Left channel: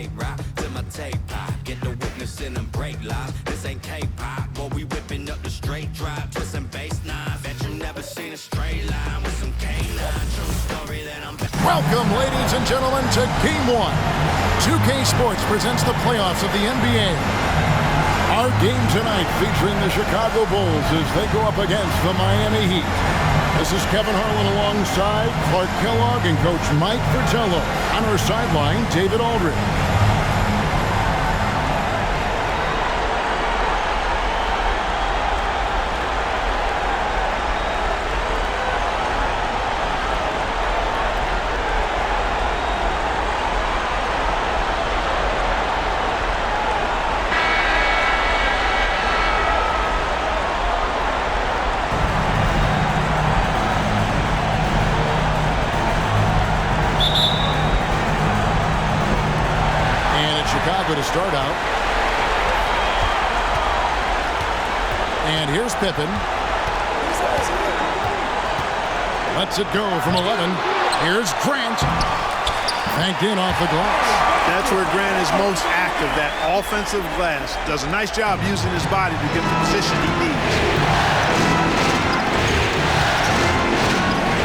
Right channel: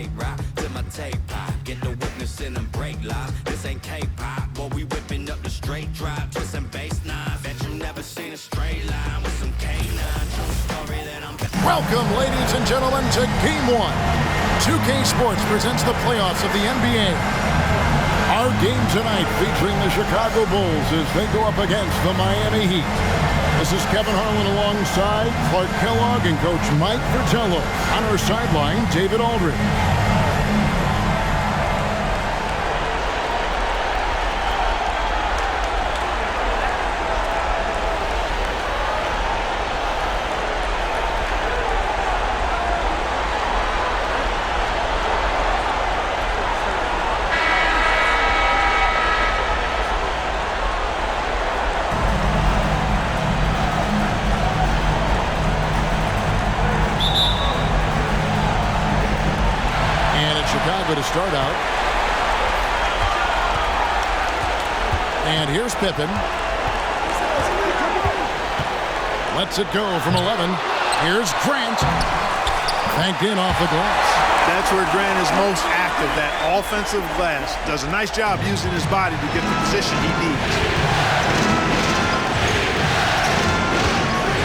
tape rock to my tape pop. Get the witness in and break live. This ain't K-pop, boy, we whipping up the straight drive. Twisting bass knives. Bet you never seen a straight line with some K9. True story that I'm. Welcome, ladies and gentlemen, to Game 1. 2K Sports presents the playoffs of the NBA. Our game tonight featuring the Chicago Bulls as they go up against the Miami Heat. This is Kevin Harlan alongside Clark Kellogg and Coach Mike Fratello. On our sideline, David Aldridge. Chicago to start out. And here's Pippen. Lets it go from 11. Here's Grant. Banked in off the glass. That's where Grant is most active, that offensive glass. Does a nice job using his body to get the position he needs.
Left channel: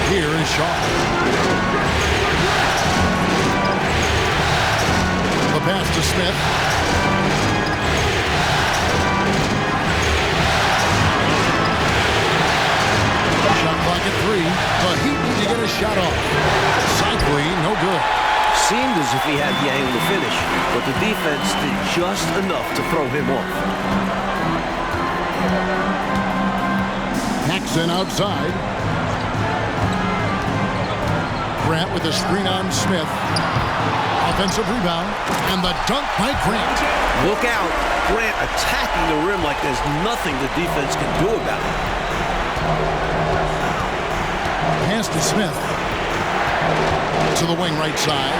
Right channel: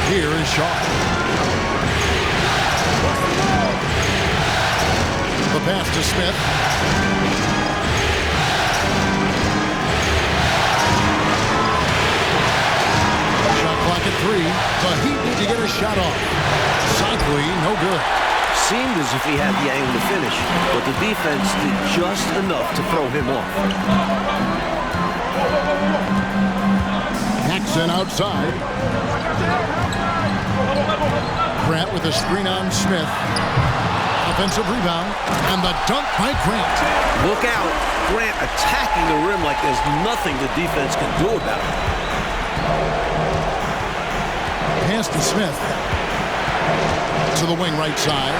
Here is Shaw. The pass to Smith. Shot clock at 3. The Heat need to get a shot off. Cycling, no good. Seemed as if he had the angle to finish, but the defense did just enough to throw him off. Paxson outside. Grant with a screen on Smith. Offensive rebound, and the dunk by Grant. Look out. Grant attacking the rim like there's nothing the defense can do about it. Pass to Smith. To the wing right side.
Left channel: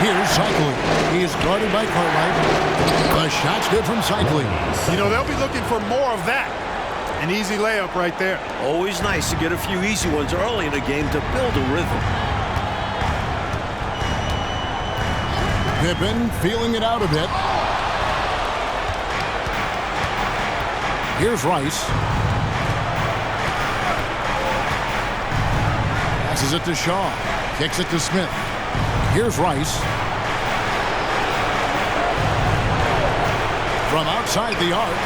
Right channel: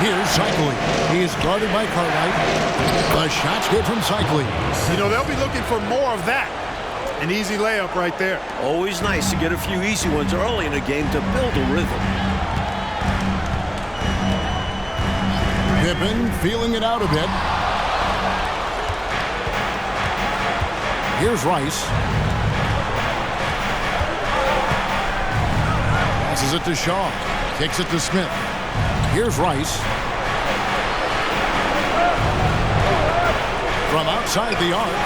Here's Cycling. He is guarded by Cartwright. The shot's good from Cycling. You know, they'll be looking for more of that. An easy layup right there. Always nice to get a few easy ones early in a game to build a rhythm. Pippen feeling it out a bit. Here's Rice. Passes it to Shaw. Kicks it to Smith. Here's Rice. From outside the arc.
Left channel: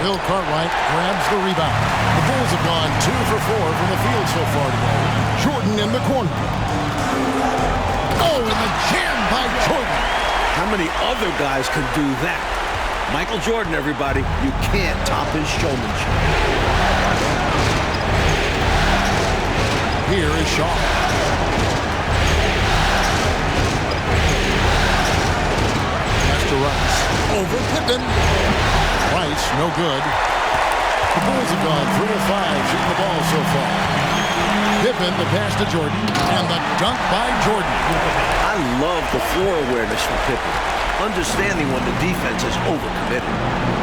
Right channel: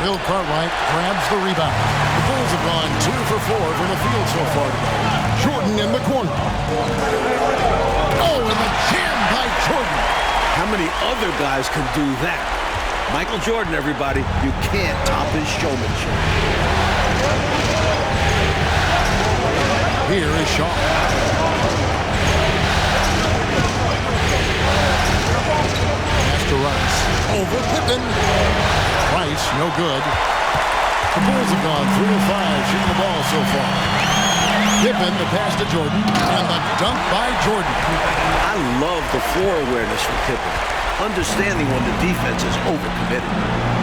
Bill Cartwright grabs the rebound. The Bulls have gone 2 for 4 from the field so far today. Jordan in the corner. Oh, and the jam by Jordan. How many other guys can do that? Michael Jordan, everybody. You can't top his showmanship. Here is Shaw. Pass to Rice. Over Pippen. Rice, no good. The Bulls have gone 3 of 5 shooting the ball so far. Pippen, the pass to Jordan, and the dunk by Jordan. I love the floor awareness from Pippen, understanding when the defense is overcommitted.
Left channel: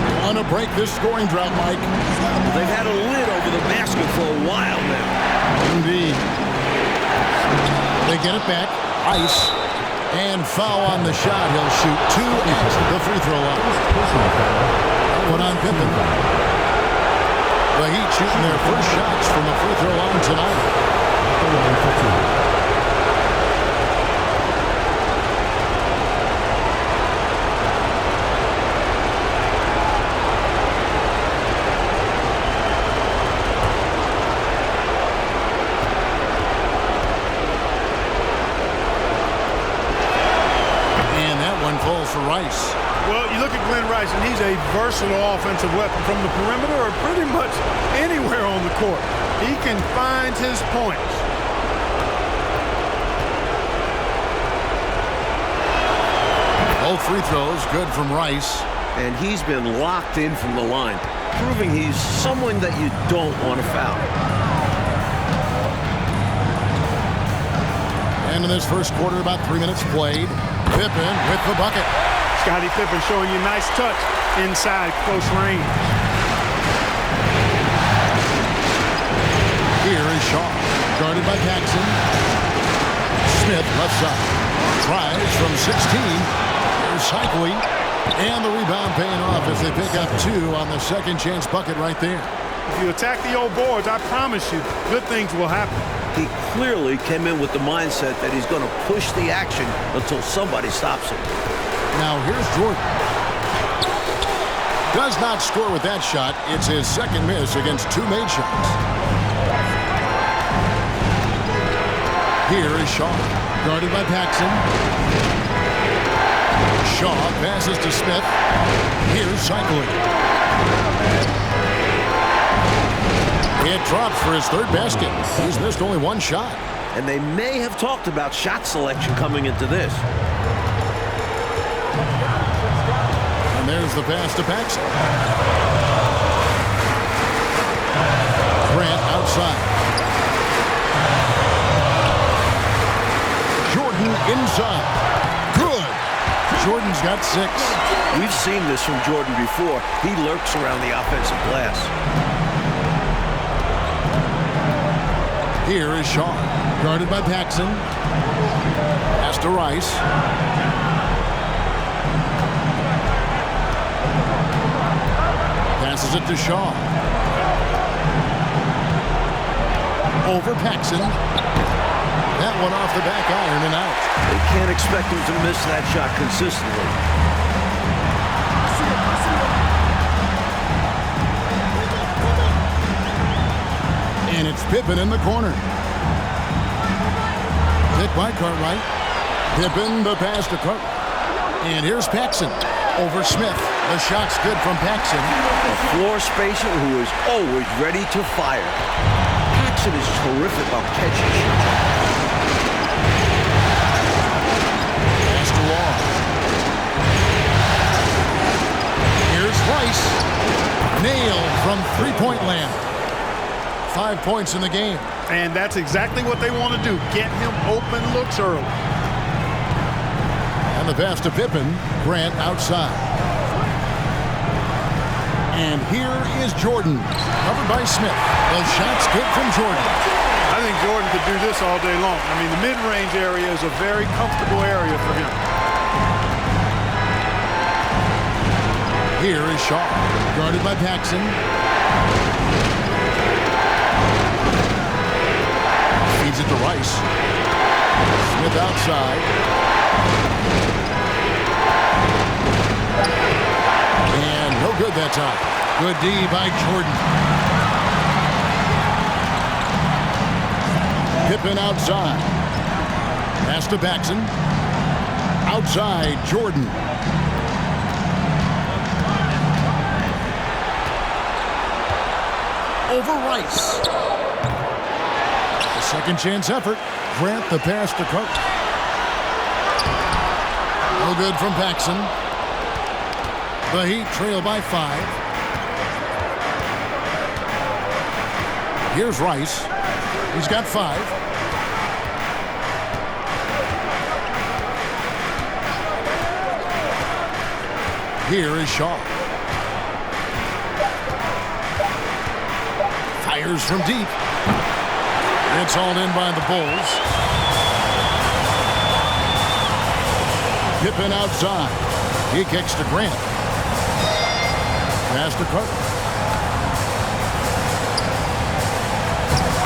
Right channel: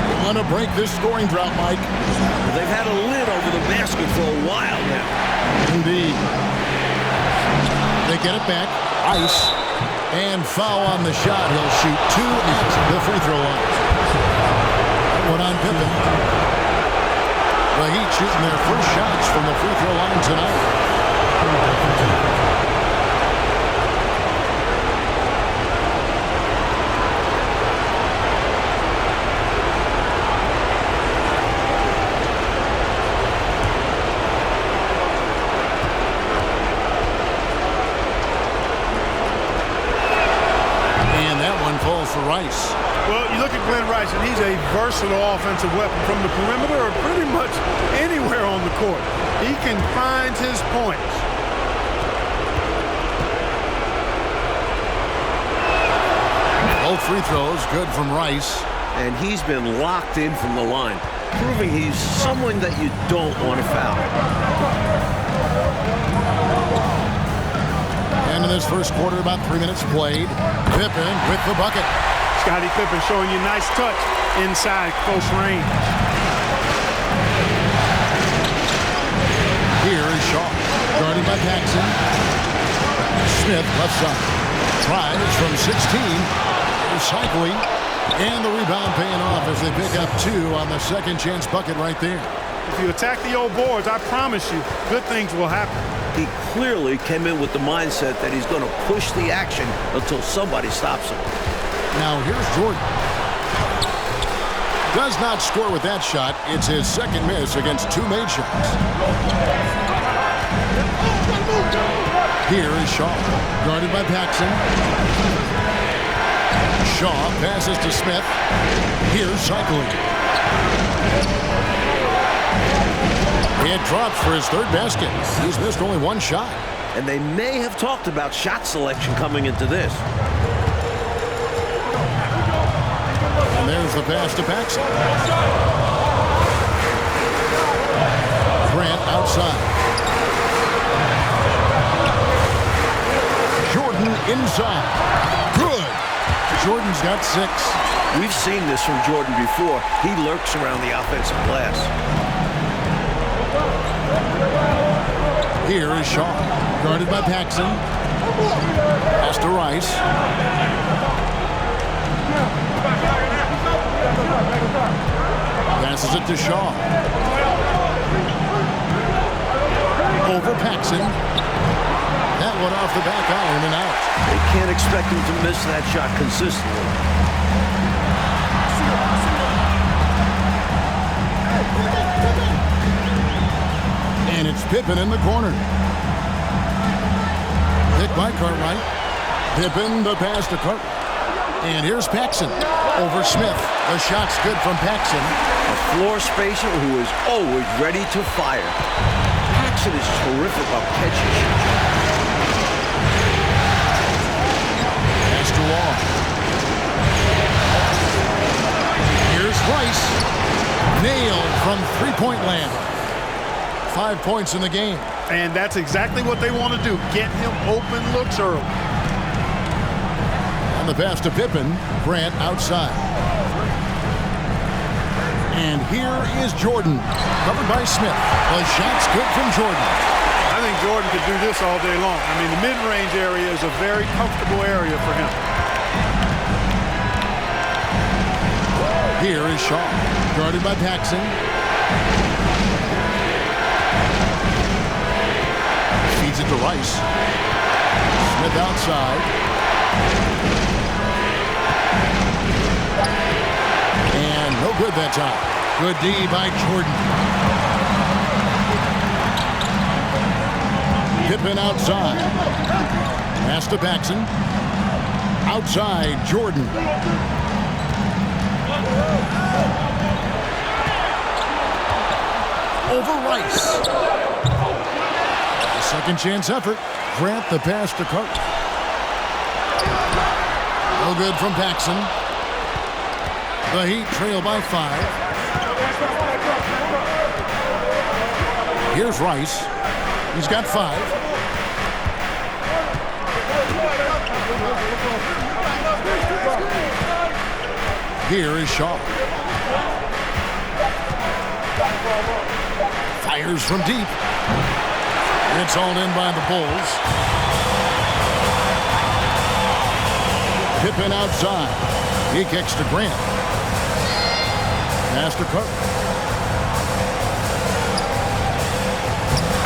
They want to break this scoring drought, Mike. Well, they've had a lid over the basket for a while now. Indeed. They get it back. Rice. And foul on the shot. He'll shoot 2 at the free throw line. One on Pippen. The Heat shooting their first shots from the free throw line tonight. And that one falls for Rice. Well, you look at Glenn Rice, and he's a versatile offensive weapon from the perimeter or pretty much anywhere on the court. He can find his points. Both free throws good from Rice. And he's been locked in from the line, proving he's someone that you don't want to foul. And in this first quarter, about 3 minutes played. Pippen with the bucket. Scottie Pippen showing you nice touch inside close range. Here is Shaw, guarded by Paxson. Smith, left side. Tries from 16. Here's Cycling. And the rebound paying off as they pick up 2 on the second chance bucket right there. If you attack the old boards, I promise you, good things will happen. He clearly came in with the mindset that he's going to push the action until somebody stops him. Now here's Jordan. Does not score with that shot. It's his second miss against 2 made shots. Here is Shaw, guarded by Paxson. Shaw passes to Smith. Here's Cycling. It drops for his 3rd basket. He's missed only 1 shot. And they may have talked about shot selection coming into this. And there's the pass to Paxson. Grant outside. Jordan inside. Good. Jordan's got 6. We've seen this from Jordan before. He lurks around the offensive glass. Here is Shaw, guarded by Paxson. Pass to Rice. Passes it to Shaw. Over Paxson. That one off the back iron and out. They can't expect him to miss that shot consistently. And it's Pippen in the corner. Hit by Cartwright. Pippen, the pass to Cartwright. And here's Paxson over Smith. The shot's good from Paxson. A floor spacer who is always ready to fire. Paxson is terrific on catching shoot. Pass to Wall. Here's Rice. Nailed from three-point land. 5 points in the game. And that's exactly what they want to do. Get him open looks early. And the pass to Pippen. Grant outside. And here is Jordan. Covered by Smith. The shot's good from Jordan. I think Jordan could do this all day long. I mean, the mid-range area is a very comfortable area for him. Here is Shaw. Guarded by Paxson. Feeds it to Rice. Smith outside. And no good that time. Good D by Jordan. Pippen outside. Pass to Paxson. Outside, Jordan. Over Rice. The second chance effort. Grant the pass to Cook. No good from Paxson. The Heat trail by 5. Here's Rice. He's got 5. Here is Shaw. Fires from deep. It's hauled in by the Bulls. Pippen outside. He kicks to Grant. Pass to Cook.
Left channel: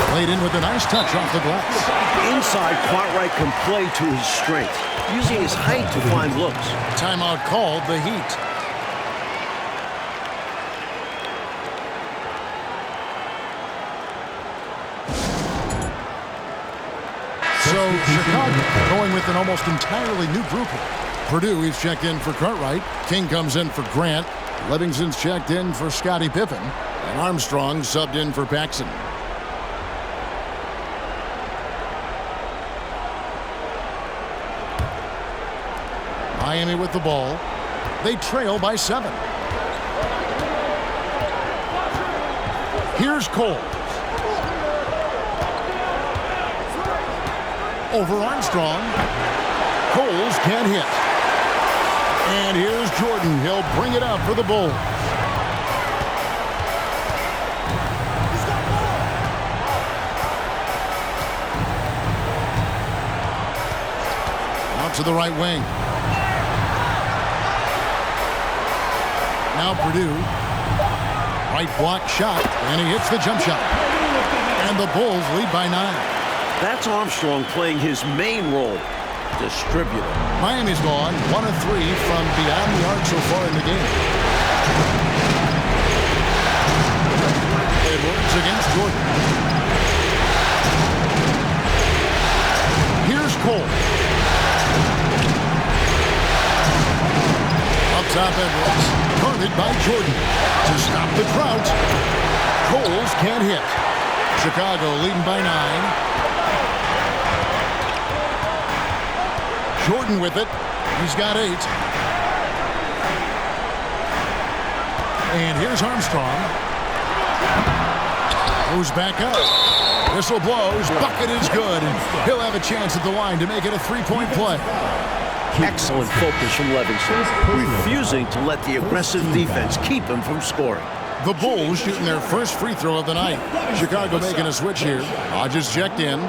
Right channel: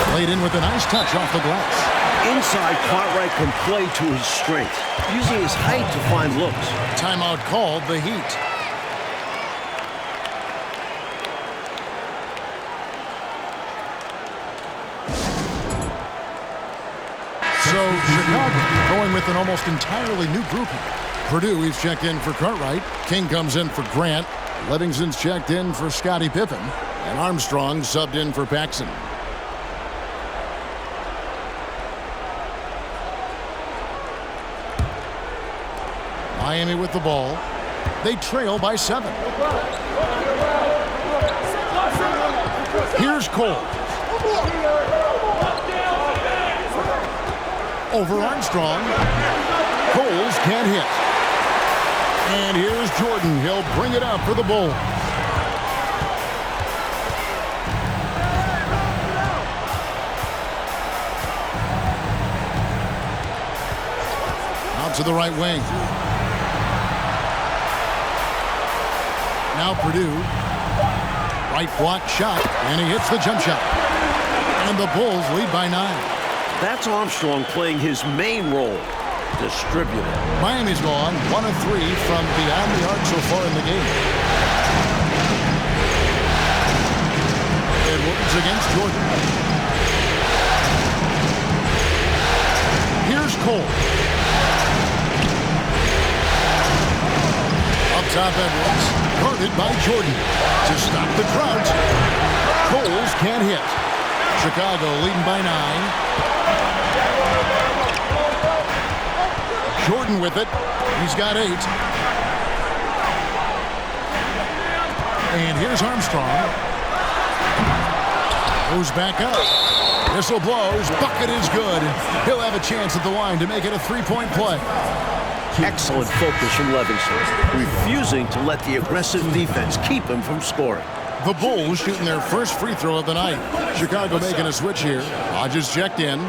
Played in with a nice touch off the glass. Inside, Cartwright can play to his strength, using his height to find looks. Timeout called, the Heat. So Chicago going with an almost entirely new group here. Purdue, he's checked in for Cartwright. King comes in for Grant. Livingston's checked in for Scottie Pippen. And Armstrong subbed in for Paxson. Miami with the ball. They trail by 7. Here's Cole. Over Armstrong. Coles can't hit. And here's Jordan. He'll bring it up for the Bulls. Out to the right wing. Now Purdue. Right block shot, and he hits the jump shot. And the Bulls lead by 9. That's Armstrong playing his main role, distributor. Miami's gone 1 of 3 from beyond the arc so far in the game. Edwards against Jordan. Here's Cole. Up top, Edwards. Guarded by Jordan. To stop the drought. Coles can't hit. Chicago leading by 9. Jordan with it. He's got 8. And here's Armstrong. Goes back up. Whistle blows. Bucket is good. And he'll have a chance at the line to make it a 3-point play. Excellent focus from Livingston, refusing to let the aggressive defense keep him from scoring. The Bulls shooting their first free throw of the night. Chicago making a switch here. Hodges checked in.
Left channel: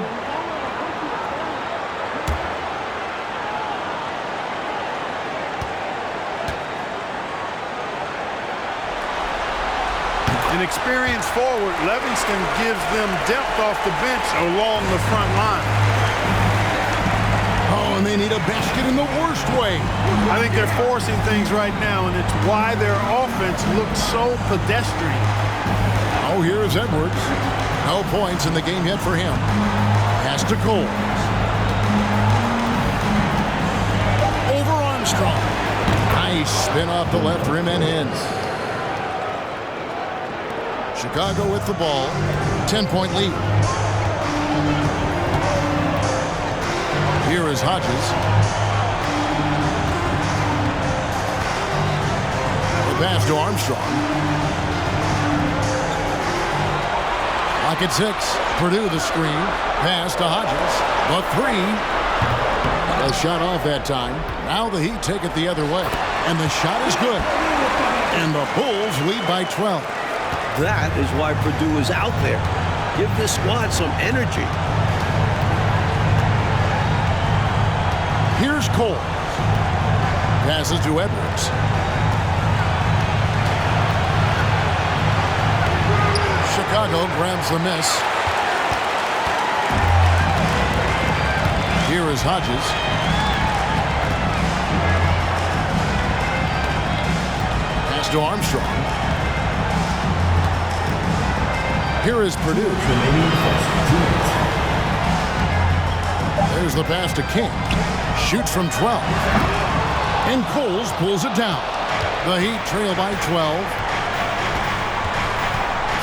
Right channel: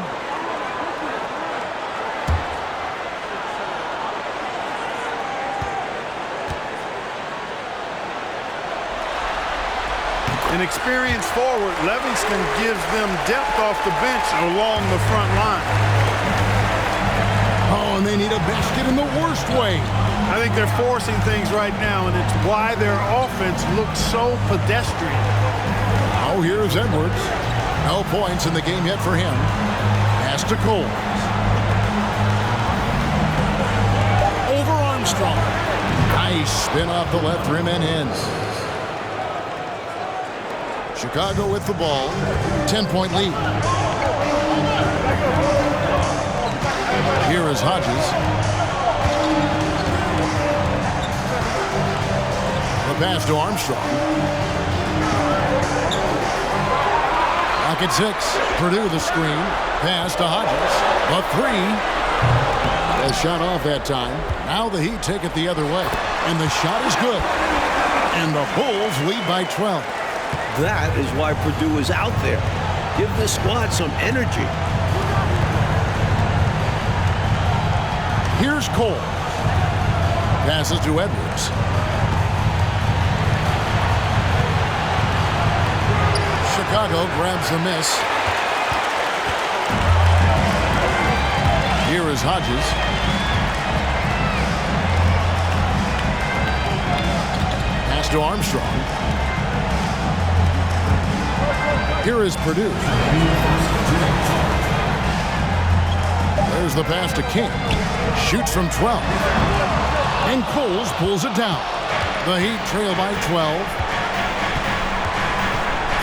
An experienced forward, Livingston gives them depth off the bench along the front line. Oh, and they need a basket in the worst way. I think they're forcing things right now, and it's why their offense looks so pedestrian. Oh, here's Edwards. No points in the game yet for him. Pass to Cole. Over Armstrong. Nice spin off the left rim and in. Chicago with the ball. 10-point lead. Here is Hodges. The pass to Armstrong. Lock at 6. Purdue the screen. Pass to Hodges. The 3. A shot off that time. Now the Heat take it the other way. And the shot is good. And the Bulls lead by 12. That is why Purdue is out there. Give this squad some energy. Here's Cole. Passes to Edwards. Chicago grabs the miss. Here is Hodges. Pass to Armstrong. Here is Purdue. There's the pass to King. Shoots from 12. And Coles pulls it down. The Heat trail by 12.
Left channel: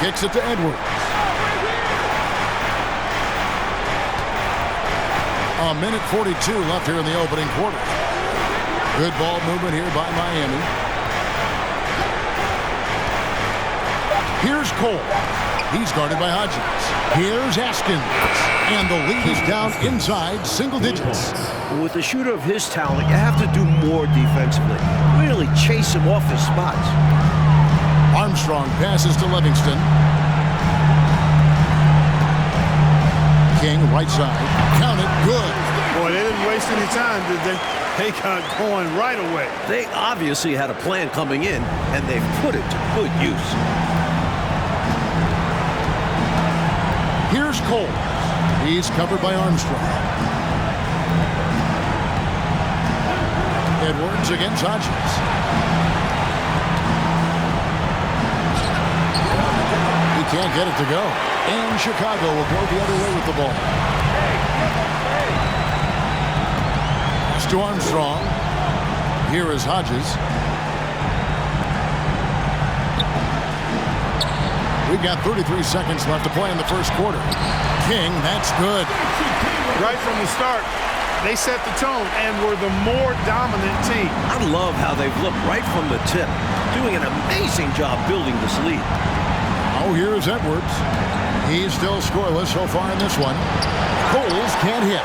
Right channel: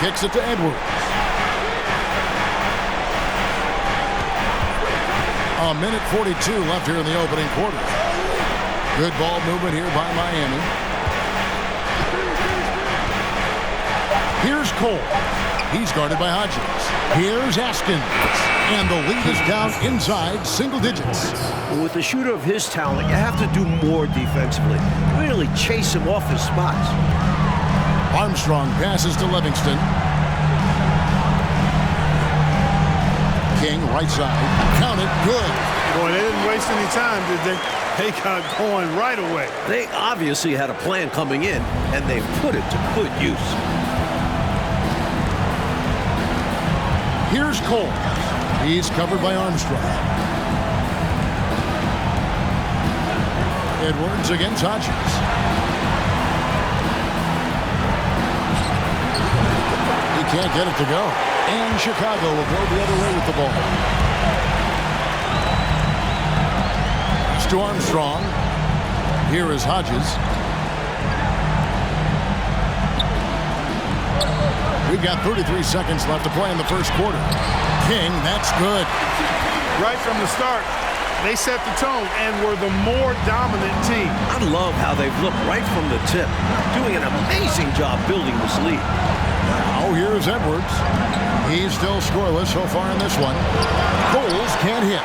Kicks it to Edwards. A minute 42 left here in the opening quarter. Good ball movement here by Miami. Here's Cole. He's guarded by Hodges. Here's Askins. And the lead is down inside single digits. With a shooter of his talent, you have to do more defensively. Really chase him off his spots. Armstrong passes to Livingston. King, right side. Count it. Good. Boy, they didn't waste any time, did they? They got going right away. They obviously had a plan coming in, and they've put it to good use. Here's Cole. He's covered by Armstrong. Edwards against Hodges. He can't get it to go. And Chicago will go the other way with the ball. Pass to Armstrong. Here is Hodges. We've got 33 seconds left to play in the first quarter. King, that's good. Right from the start, they set the tone and were the more dominant team. I love how they've looked right from the tip, doing an amazing job building this lead. Now here's Edwards. He's still scoreless so far in this one. Coles can't hit.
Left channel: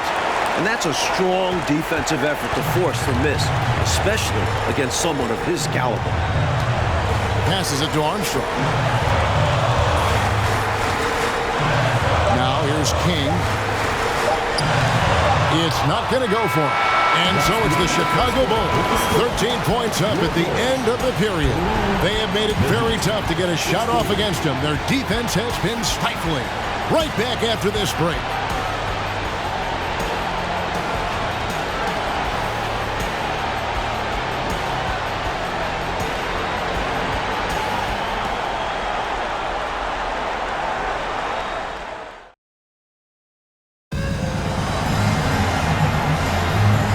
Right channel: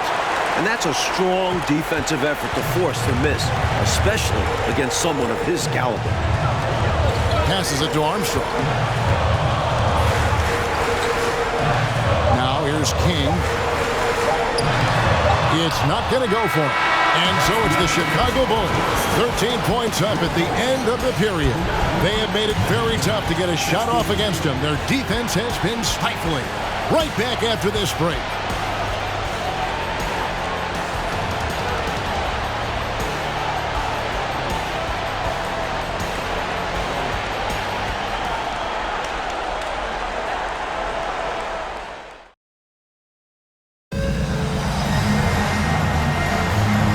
And that's a strong defensive effort to force the miss, especially against someone of his caliber. Passes it to Armstrong. Now here's King. It's not going to go for him. And so it's the Chicago Bulls, 13 points up at the end of the period. They have made it very tough to get a shot off against them. Their defense has been stifling. Right back after this break.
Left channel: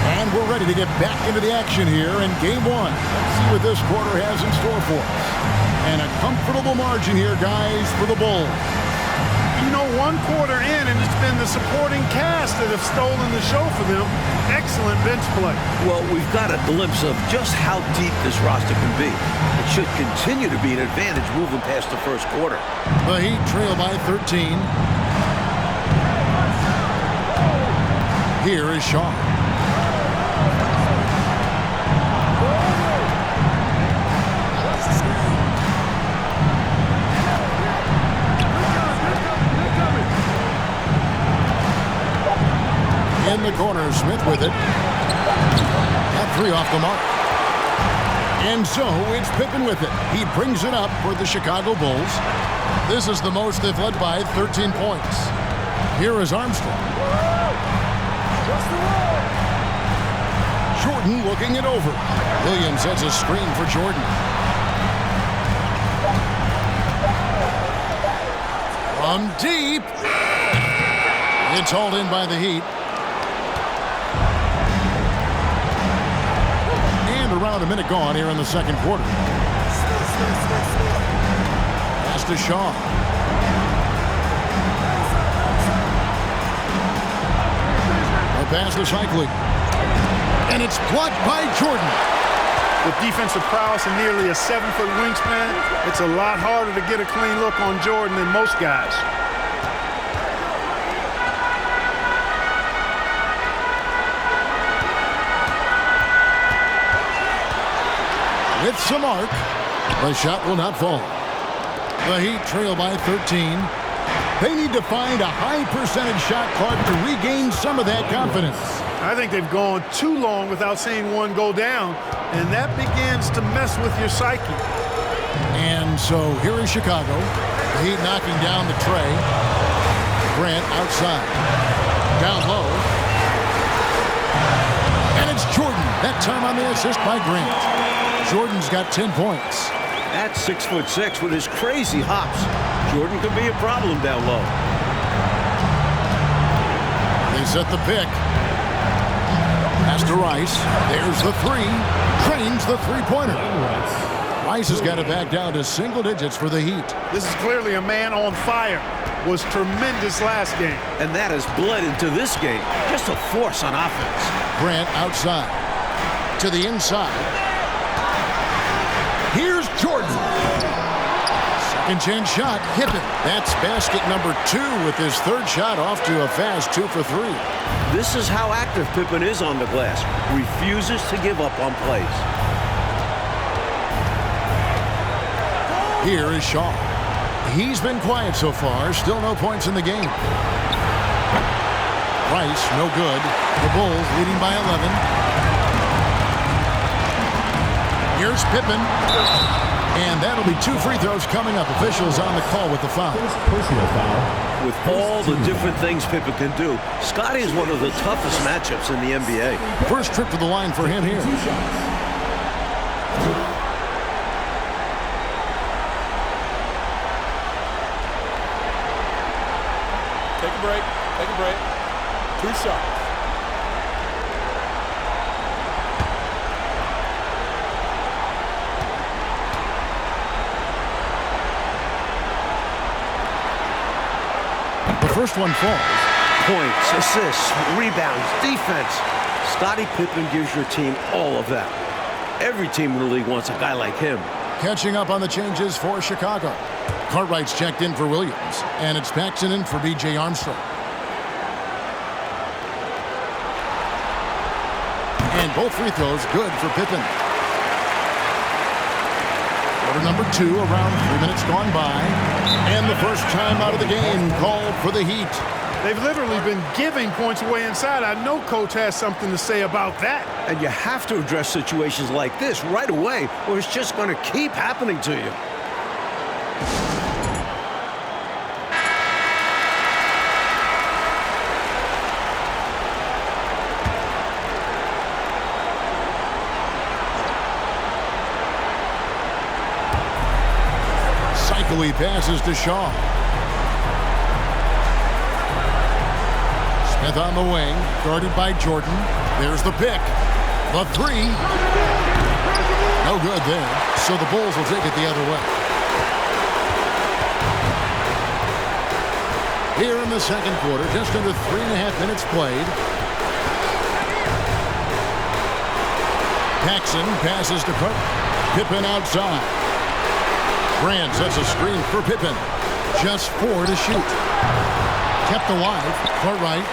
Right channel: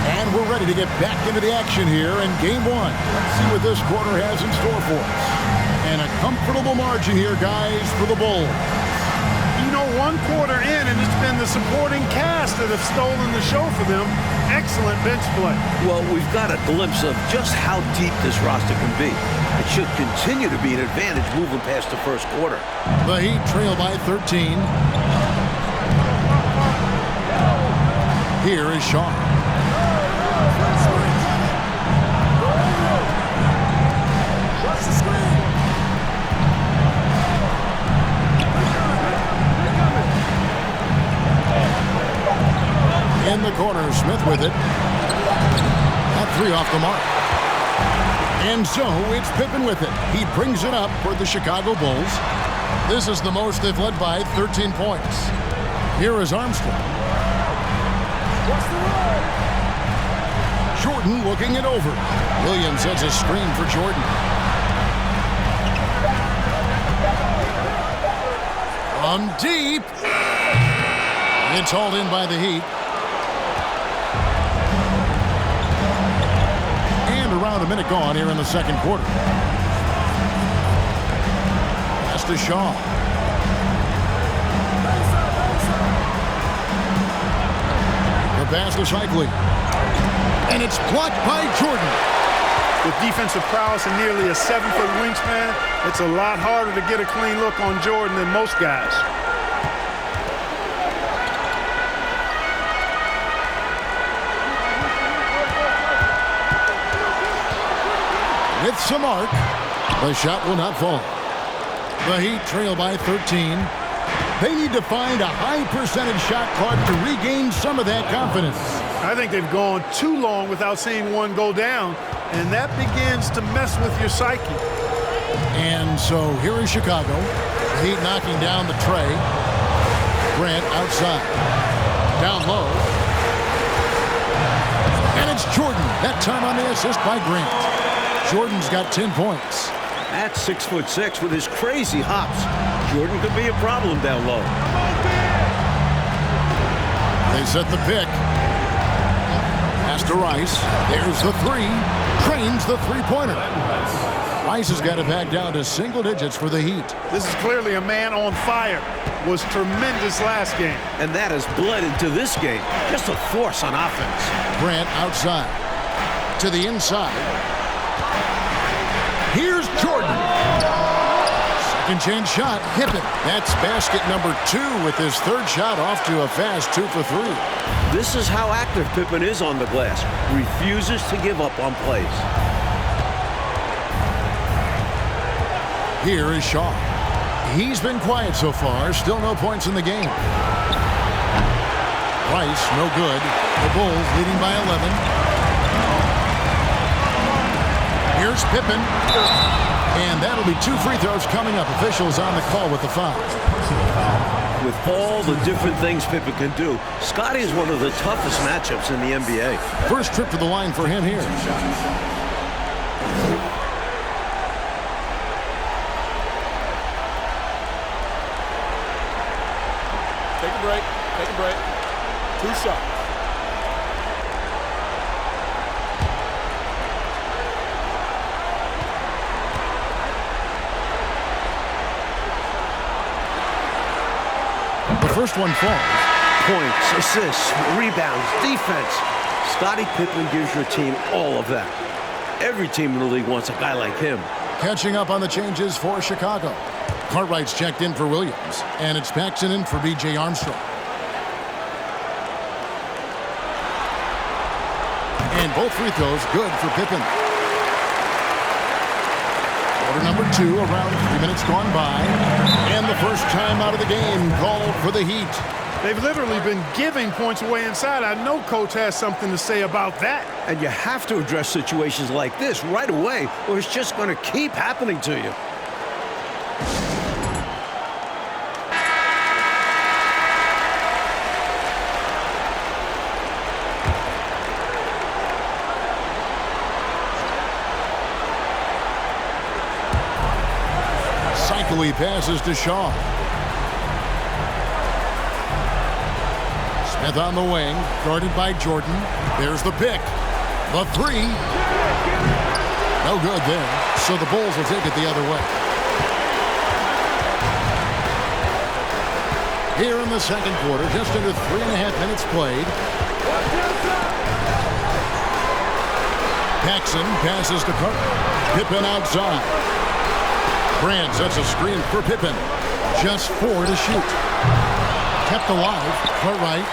And we're ready to get back into the action here in game one. Let's see what this quarter has in store for us. And a comfortable margin here, guys, for the Bulls. You know, one quarter in, and it's been the supporting cast that have stolen the show for them. Excellent bench play. Well, we've got a glimpse of just how deep this roster can be. It should continue to be an advantage moving past the first quarter. The Heat trail by 13. Here is Shaw. Watch the screen. In the corner, Smith with it. That three off the mark. And so it's Pippen with it. He brings it up for the Chicago Bulls. This is the most they've led by 13 points. Here is Armstrong. Watch the roll. Jordan looking it over. Williams sets a screen for Jordan. From deep. It's hauled in by the Heat. And around a minute gone here in the second quarter. Pass to Shaw. The pass to Cycling. And it's blocked by Jordan. With defensive prowess and nearly a 7-foot wingspan, it's a lot harder to get a clean look on Jordan than most guys. With some arc, the shot will not fall. The Heat trail by 13. They need to find a high percentage shot, Clark, to regain some of that confidence. I think they've gone too long without seeing one go down, and that begins to mess with your psyche. And so here is Chicago. The Heat knocking down the tray. Grant outside. Down low. And it's Jordan. That time on the assist by Grant. Jordan's got 10 points. At 6'6" with his crazy hops, Jordan could be a problem down low. They set the pick. Pass to Rice. There's the three. Trains the three-pointer. Rice has got it back down to single digits for the Heat. This is clearly a man on fire. Was tremendous last game. And that has bled into this game. Just a force on offense. Grant outside. To the inside. Here's Jordan. Second chance shot. Pippen. That's basket number 2 with his third shot off to a fast 2 for 3. This is how active Pippen is on the glass. Refuses to give up on plays. Here is Shaw. He's been quiet so far. Still no points in the game. Rice, no good. The Bulls leading by 11. Here's Pippen. And that'll be 2 free throws coming up. Officials on the call with the foul. Personal foul. With all the different things Pippen can do, Scotty is one of the toughest matchups in the NBA. First trip to the line for him here. Take a break. Take a break. 2 shots. The first one falls. Points, assists, rebounds, defense. Scottie Pippen gives your team all of that. Every team in the league wants a guy like him. Catching up on the changes for Chicago. Cartwright's checked in for Williams, and it's Paxson in for B.J. Armstrong. And both free throws good for Pippen. Quarter number 2, around 3 minutes gone by. And the first time out of the game called for the Heat. They've literally been giving points away inside. I know coach has something to say about that. And you have to address situations like this right away, or it's just going to keep happening to you. Cycli passes to Shaw. Smith on the wing, guarded by Jordan. There's the pick. The three. No good there. So the Bulls will take it the other way. Here in the second quarter, just under 3.5 minutes played. Paxson passes to Pippen outside. Grant sets a screen for Pippen. Just 4 to shoot. Kept alive. Cartwright.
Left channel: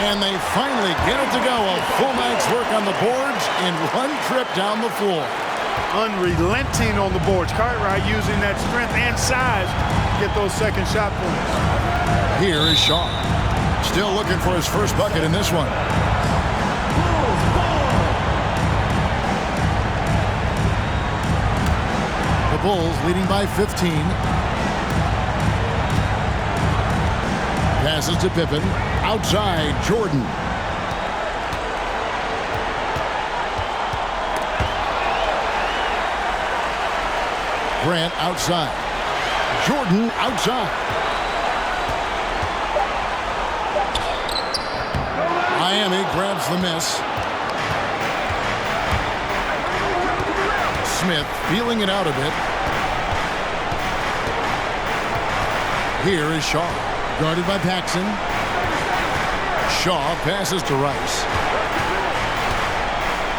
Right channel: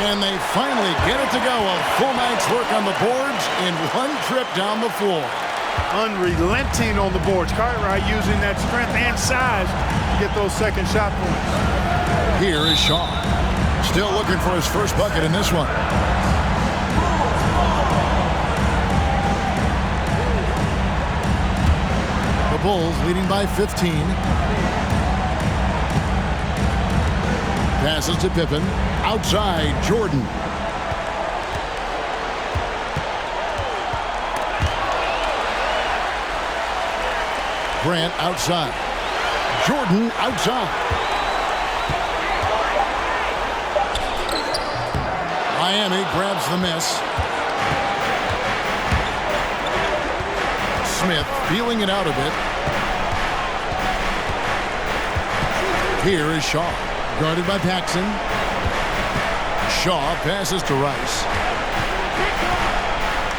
And they finally get it to go. A full night's work on the boards in one trip down the floor. Unrelenting on the boards. Cartwright using that strength and size to get those second shot points. Here is Shaw. Still looking for his first bucket in this one. The Bulls leading by 15. Passes to Pippen. Outside, Jordan. Grant outside. Jordan outside. Miami grabs the miss. Smith feeling it out a bit. Here is Shaw, guarded by Paxson. Shaw passes to Rice.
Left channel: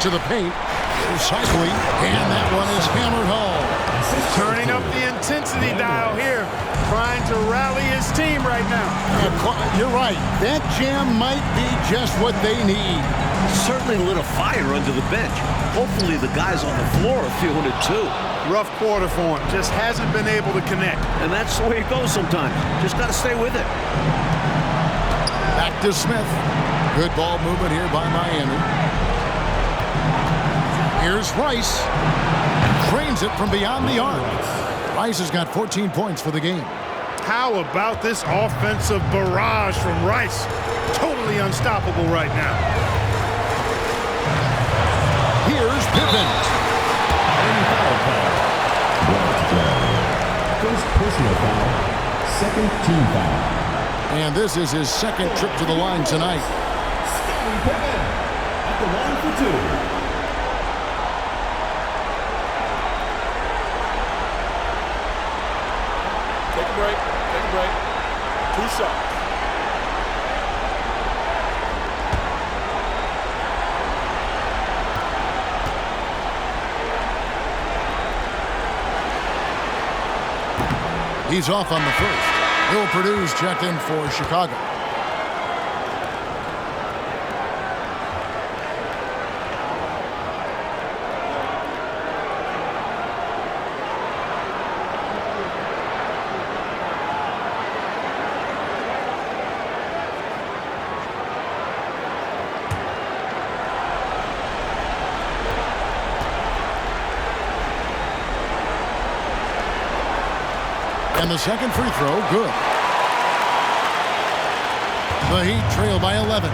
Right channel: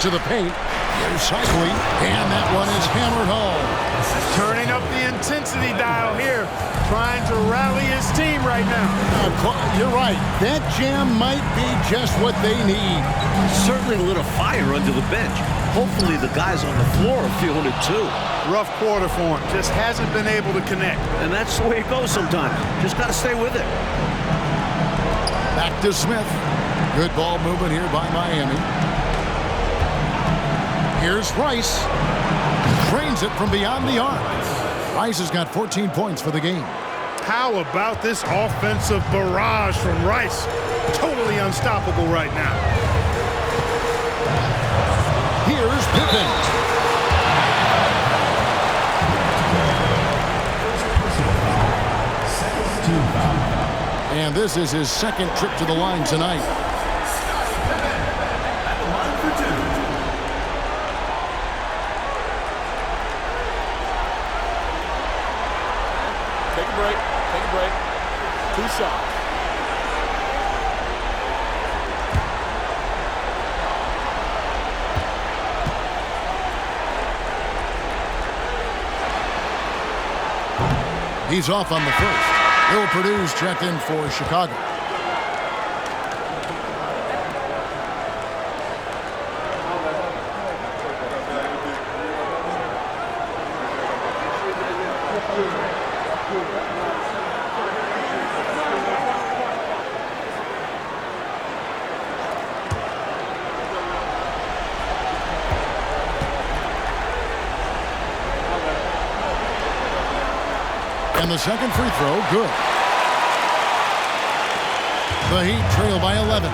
To the paint. Here's Cycli, and that one is hammered home. Turning up the intensity dial here, trying to rally his team right now. You're right. That jam might be just what they need. It certainly lit a fire under the bench. Hopefully the guys on the floor are feeling it too. Rough quarter for him. Just hasn't been able to connect. And that's the way it goes sometimes. Just got to stay with it. Back to Smith. Good ball movement here by Miami. Here's Rice. Drains it from beyond the arc. Rice has got 14 points for the game. How about this offensive barrage from Rice? Totally unstoppable right now. Here's Pippen. First personal foul, second team foul. And this is his second trip to the line tonight. Scottie Pippen at the line for two. Take a break. Take a break. 2 shots. He's off on the first. Bill Purdue's checked in for Chicago. And the second free throw, good. The Heat trail by 11.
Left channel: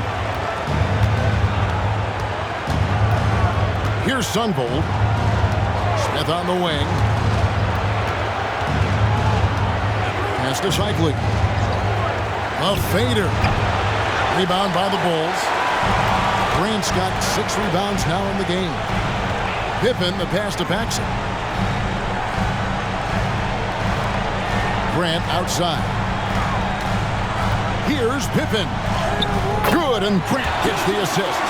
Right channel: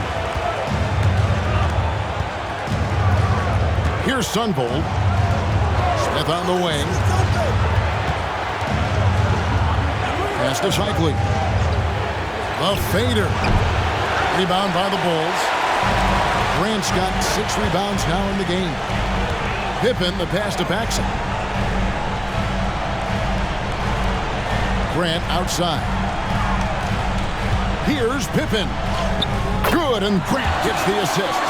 Here's Sunvold. Smith on the wing. Pass to Cycli. The fader. Rebound by the Bulls. Grant's got 6 rebounds now in the game. Pippen, the pass to Paxson. Grant outside. Here's Pippen. Good, and Grant gets the assist.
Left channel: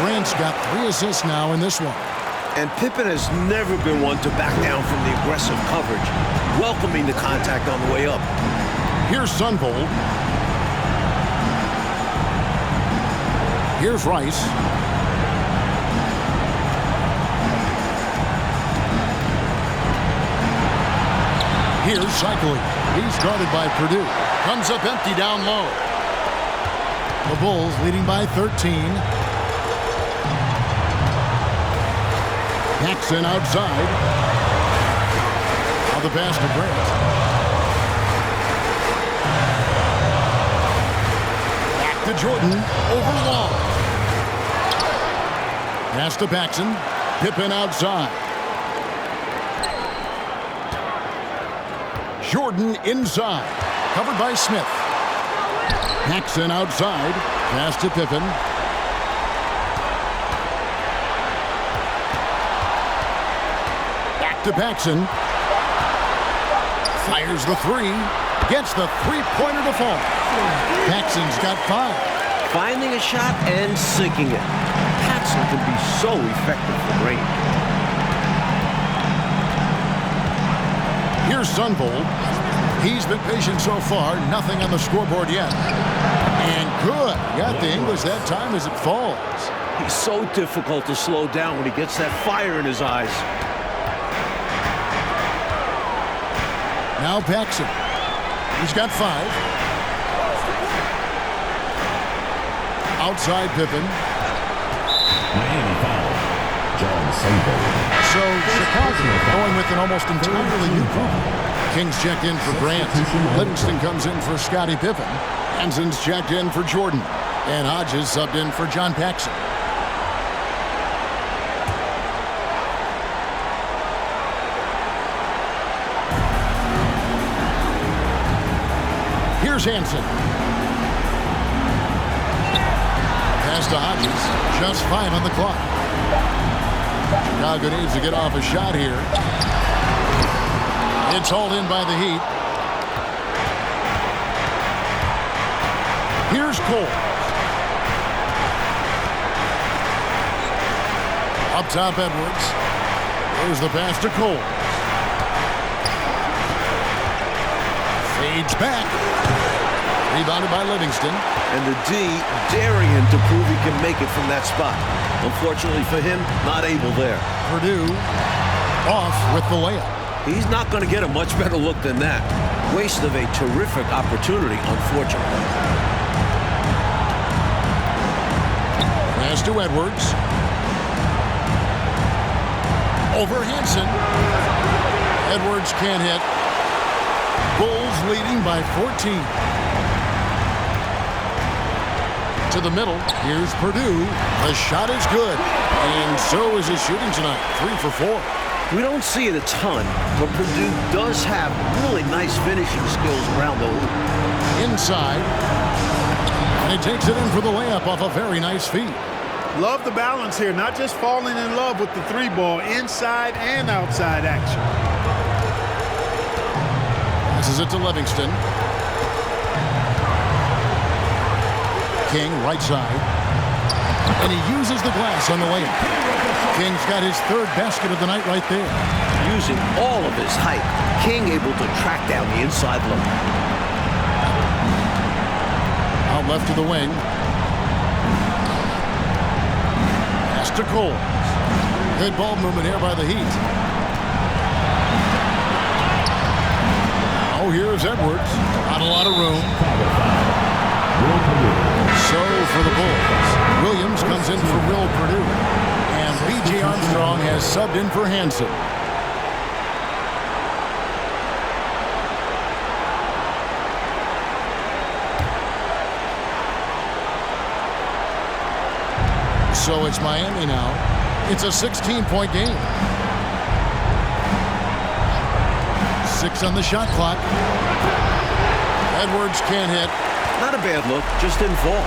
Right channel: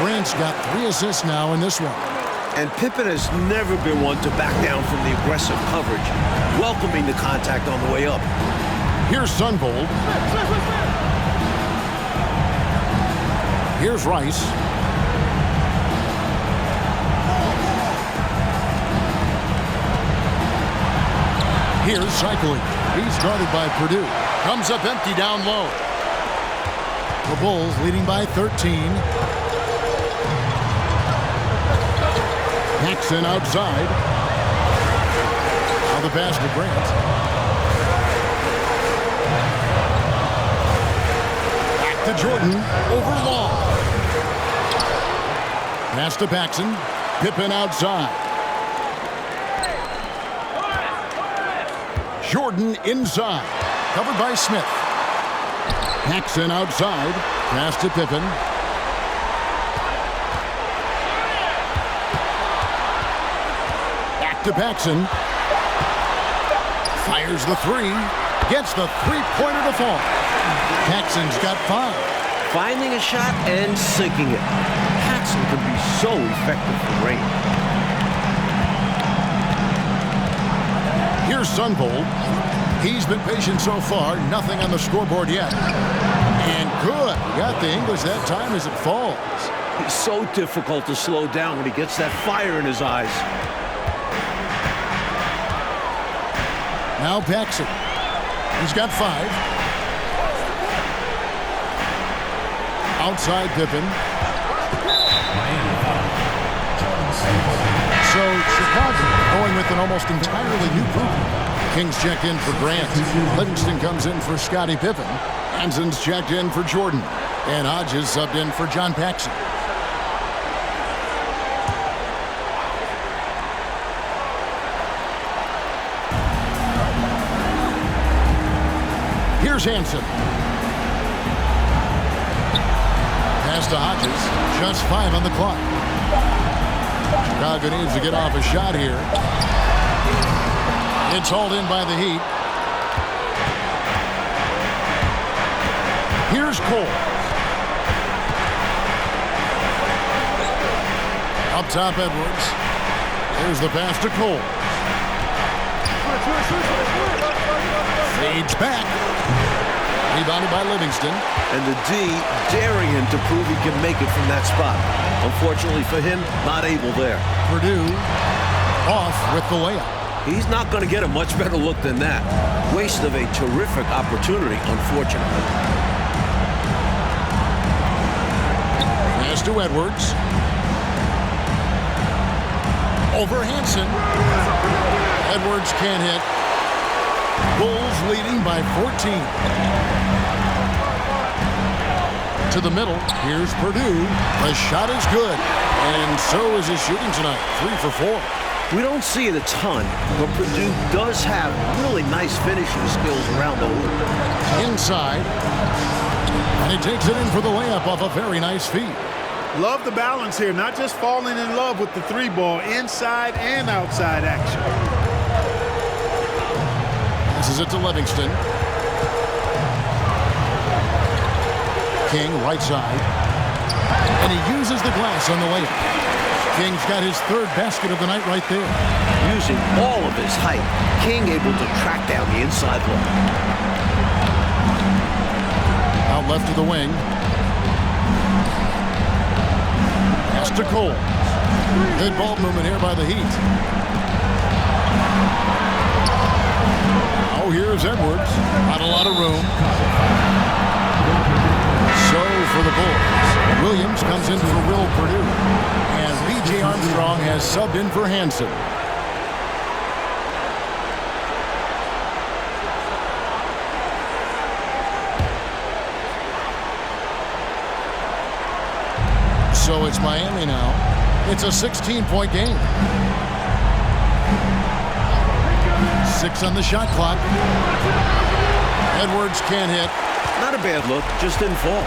Grant's got 3 assists now in this one. And Pippen has never been one to back down from the aggressive coverage, welcoming the contact on the way up. Here's Sunvold. Here's Rice. Here's Cycli. He's guarded by Purdue. Comes up empty down low. The Bulls leading by 13. Paxson outside. Now the pass to Grant. Back to Jordan. Over Long. Pass to Paxson. Pippen outside. Jordan inside. Covered by Smith. Paxson outside. Pass to Pippen. Back to Paxson. Fires the three. Gets the three-pointer to fall. Paxson's got 5. Finding a shot and sinking it. Paxson can be so effective from range. Here's Sunvold. He's been patient so far. Nothing on the scoreboard yet. And good. Got the English that time as it falls. He's so difficult to slow down when he gets that fire in his eyes. Now Paxson. He's got 5. Outside Pippen. Miami foul. John Sunvold. So Chicago going with an almost entirely new group. Kings checked in for Grant. Livingston comes in for Scottie Pippen. Hanson's checked in for Jordan. And Hodges subbed in for John Paxson. Here's Hanson. Pass to Hodges. Just 5 on the clock. Chicago needs to get off a shot here. It's hauled in by the Heat. Here's Cole. Up top, Edwards. There's the pass to Cole. Fades back. Rebounded by Livingston. And the D daring him to prove he can make it from that spot. Unfortunately for him, not able there. Purdue off with the layup. He's not going to get a much better look than that. Waste of a terrific opportunity, unfortunately. Pass to Edwards. Over Hanson. Edwards can't hit. Bulls leading by 14. To the middle. Here's Purdue. The shot is good. And so is his shooting tonight. 3 for 4. We don't see it a ton, but Purdue does have really nice finishing skills around the hoop. Inside. And he takes it in for the layup off a very nice feed. Love the balance here, not just falling in love with the 3-ball, inside and outside action. Passes it to Livingston. King right side. And he uses the glass on the layup. King's got his 3rd basket of the night right there. Using all of his height, King able to track down the inside look. Out left to the wing. Pass to Cole. Good ball movement here by the Heat. Now here's Edwards. Not a lot of room. So for the Bulls, Williams comes in for Will Purdue. And B.J. Armstrong has subbed in for Hanson. So it's Miami now. It's a 16-point game. 6 on the shot clock. Edwards can't hit. Not a bad look, just didn't fall.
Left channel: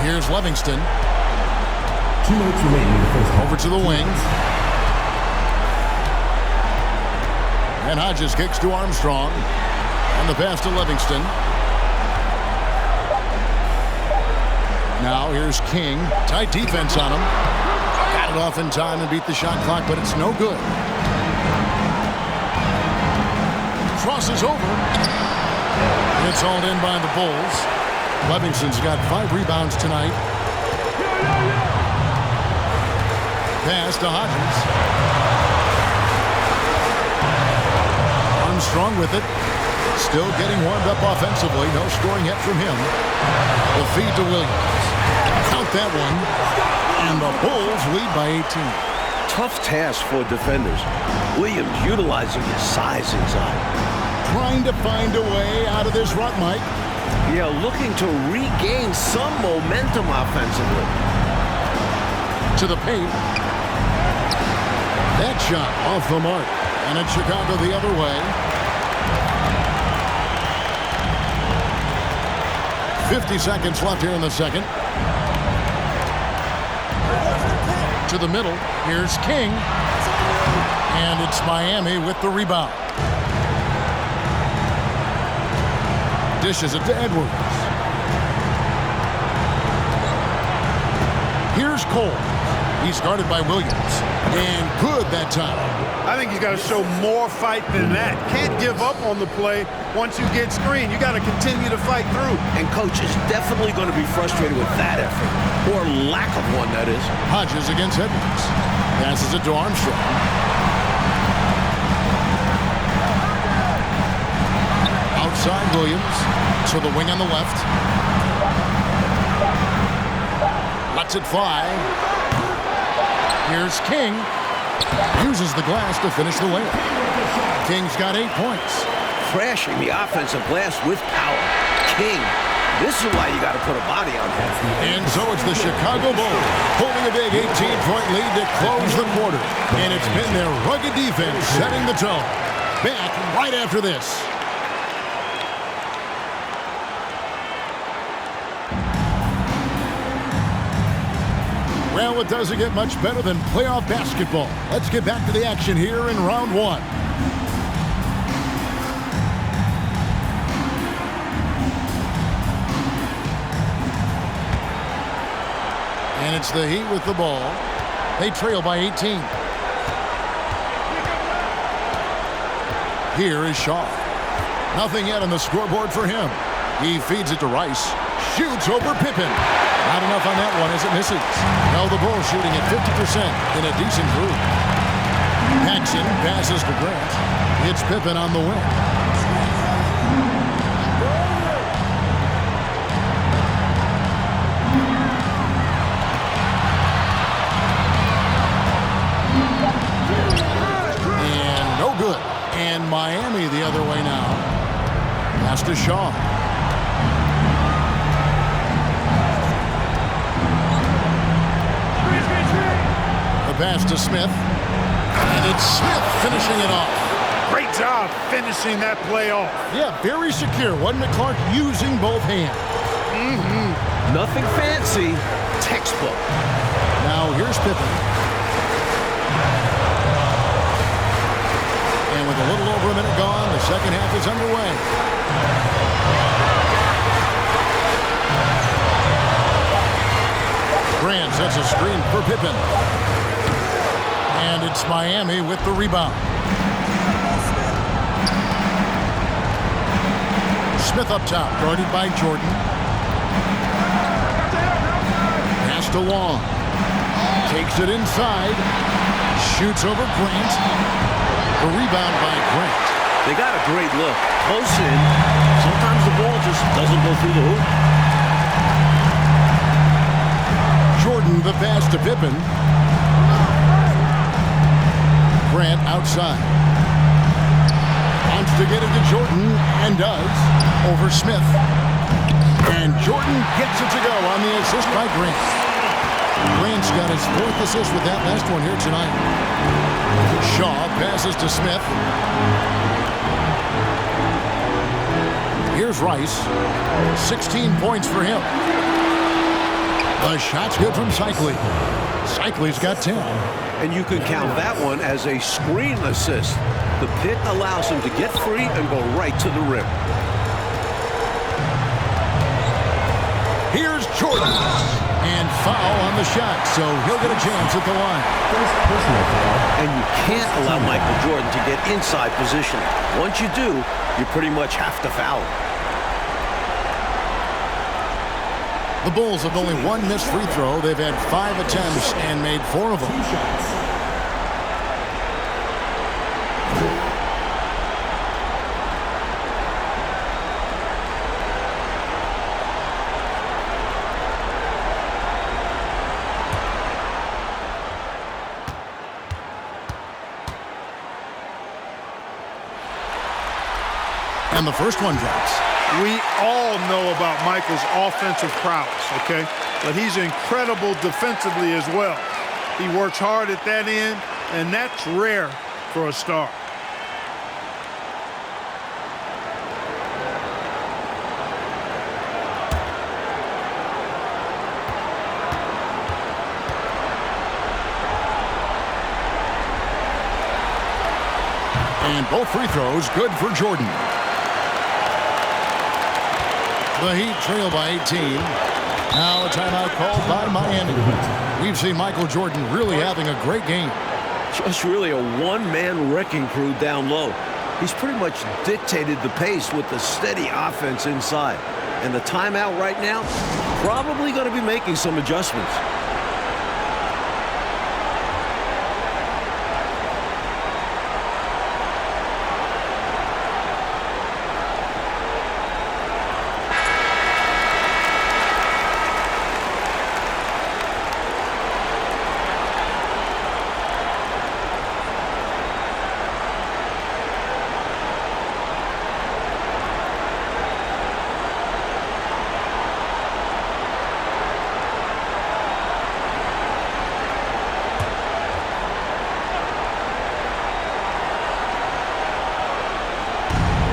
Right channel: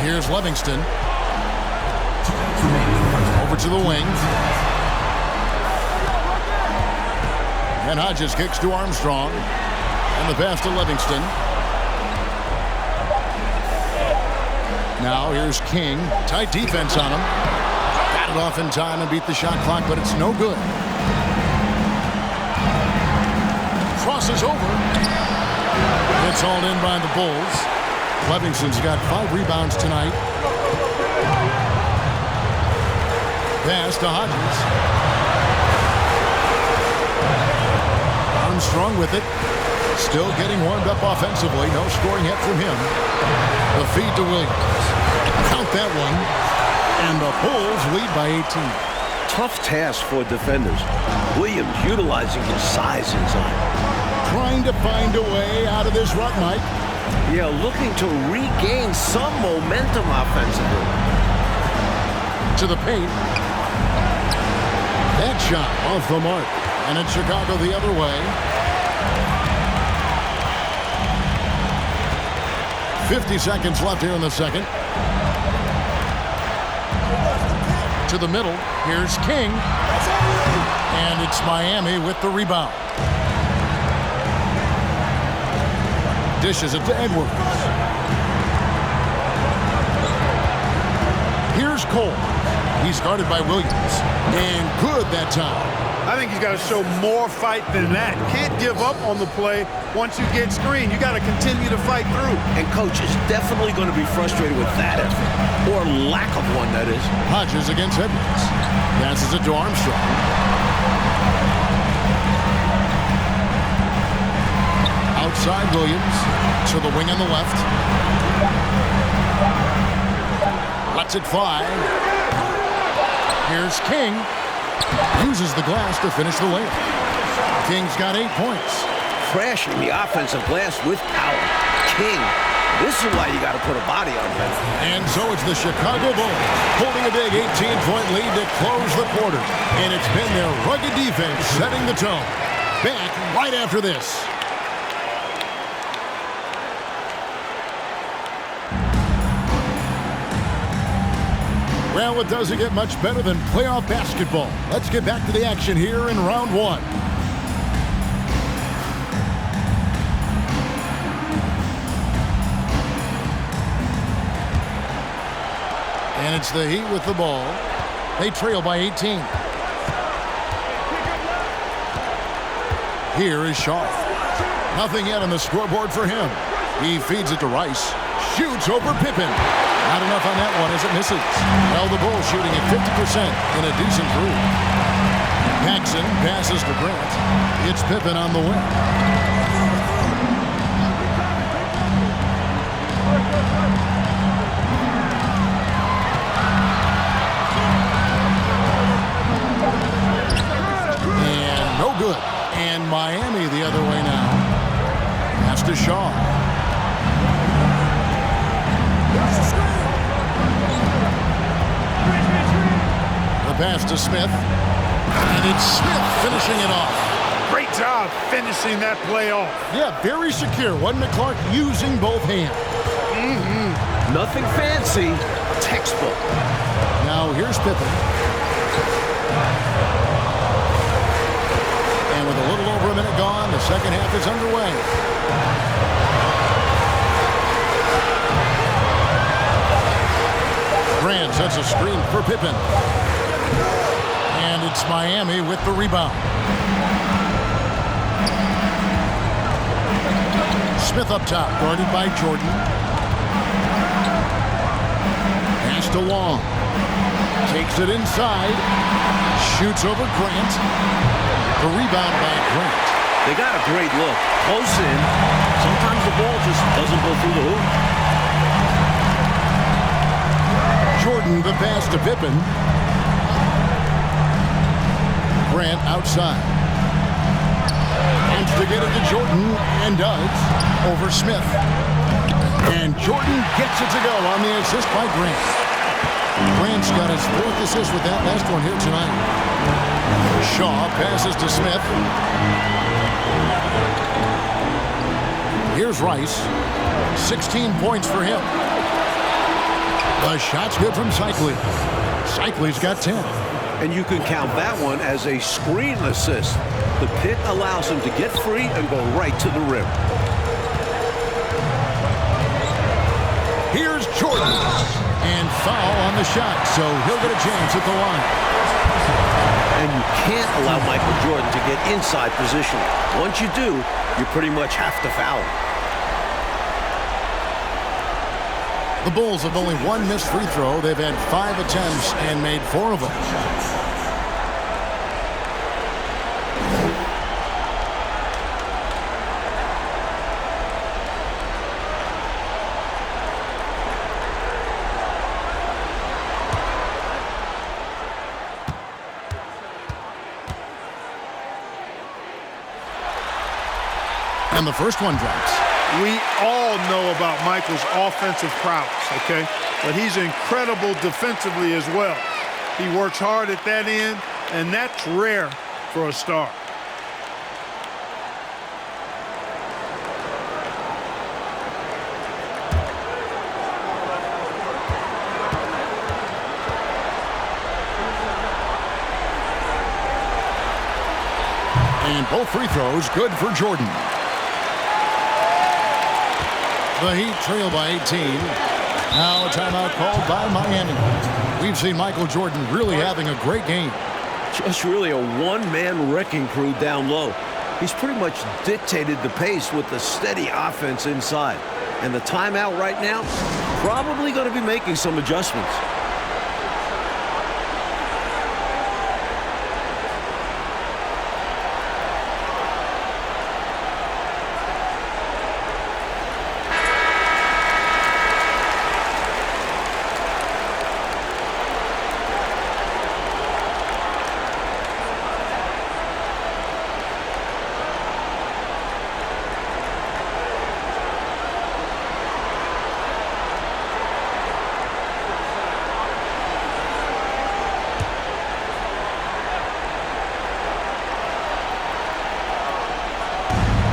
Here's Livingston. 2 minutes remaining in the first half. Over to the wing. And Hodges kicks to Armstrong. And the pass to Livingston. Now here's King. Tight defense on him. Got it off in time and beat the shot clock, but it's no good. Crosses over. It's hauled in by the Bulls. Livingston's got 5 rebounds tonight. Pass to Hodges. Armstrong with it. Still getting warmed up offensively. No scoring yet from him. The feed to Williams. Count that one. And the Bulls lead by 18. Tough task for defenders. Williams utilizing his size inside. Trying to find a way out of this rut, Mike. Yeah, looking to regain some momentum offensively. To the paint. That shot off the mark. And it's Chicago the other way. 50 seconds left here in the second. To the middle. Here's King. And it's Miami with the rebound. Dishes it to Edwards. Here's Cole. He's guarded by Williams. And good that time. I think he's got to show more fight than that. Can't give up on the play once you get screened. You got to continue to fight through. And coach is definitely going to be frustrated with that effort. Or lack of one, that is. Hodges against Edwards. Passes it to Armstrong. Outside Williams. To the wing on the left. Lets it fly. Here's King. Uses the glass to finish the layup. King's got 8 points. Crashing the offensive glass with power. King, this is why you got to put a body on him. And so it's the Chicago Bulls holding a big 18-point lead to close the quarter. And it's been their rugged defense setting the tone. Back right after this. Well, it doesn't get much better than playoff basketball. Let's get back to the action here in round one. And it's the Heat with the ball. They trail by 18. Here is Shaw. Nothing yet on the scoreboard for him. He feeds it to Rice. Shoots over Pippen. Not enough on that one as it misses. Well, the Bulls shooting at 50% in a decent group. Paxson passes to Grant. It's Pippen on the wing. And no good. And Miami the other way now. Pass to Shaw. The pass to Smith. And it's Smith finishing it off. Great job finishing that play off. Yeah, very secure. Wasn't it, Clark? Using both hands. Nothing fancy. Textbook. Now here's Pippen. And with a little over a minute gone, the second half is underway. Grant sets a screen for Pippen. And it's Miami with the rebound. Smith up top, guarded by Jordan. Pass to Long. Takes it inside. Shoots over Grant. The rebound by Grant. They got a great look. Close in. Sometimes the ball just doesn't go through the hoop. Jordan, the pass to Pippen. Grant outside. Wants to get it to Jordan, and does. Over Smith. And Jordan gets it to go on the assist by Grant. Grant's got his 4th assist with that last one here tonight. Shaw passes to Smith. Here's Rice. 16 points for him. The shot's good from Cycli. Cycli's got 10. And you can count that one as a screen assist. The pick allows him to get free and go right to the rim. Here's Jordan. And foul on the shot, so he'll get a chance at the line. And you can't allow Michael Jordan to get inside positioning. Once you do, you pretty much have to foul him. The Bulls have only one missed free throw. They've had 5 attempts and made 4 of them. And the first one drops. We all know about Michael's offensive prowess, okay? But he's incredible defensively as well. He works hard at that end, and that's rare for a star. And both free throws good for Jordan. The Heat trail by 18. Now a timeout called by Miami. We've seen Michael Jordan really having a great game. Just really a one-man wrecking crew down low. He's pretty much dictated the pace with the steady offense inside. And the timeout right now, probably going to be making some adjustments.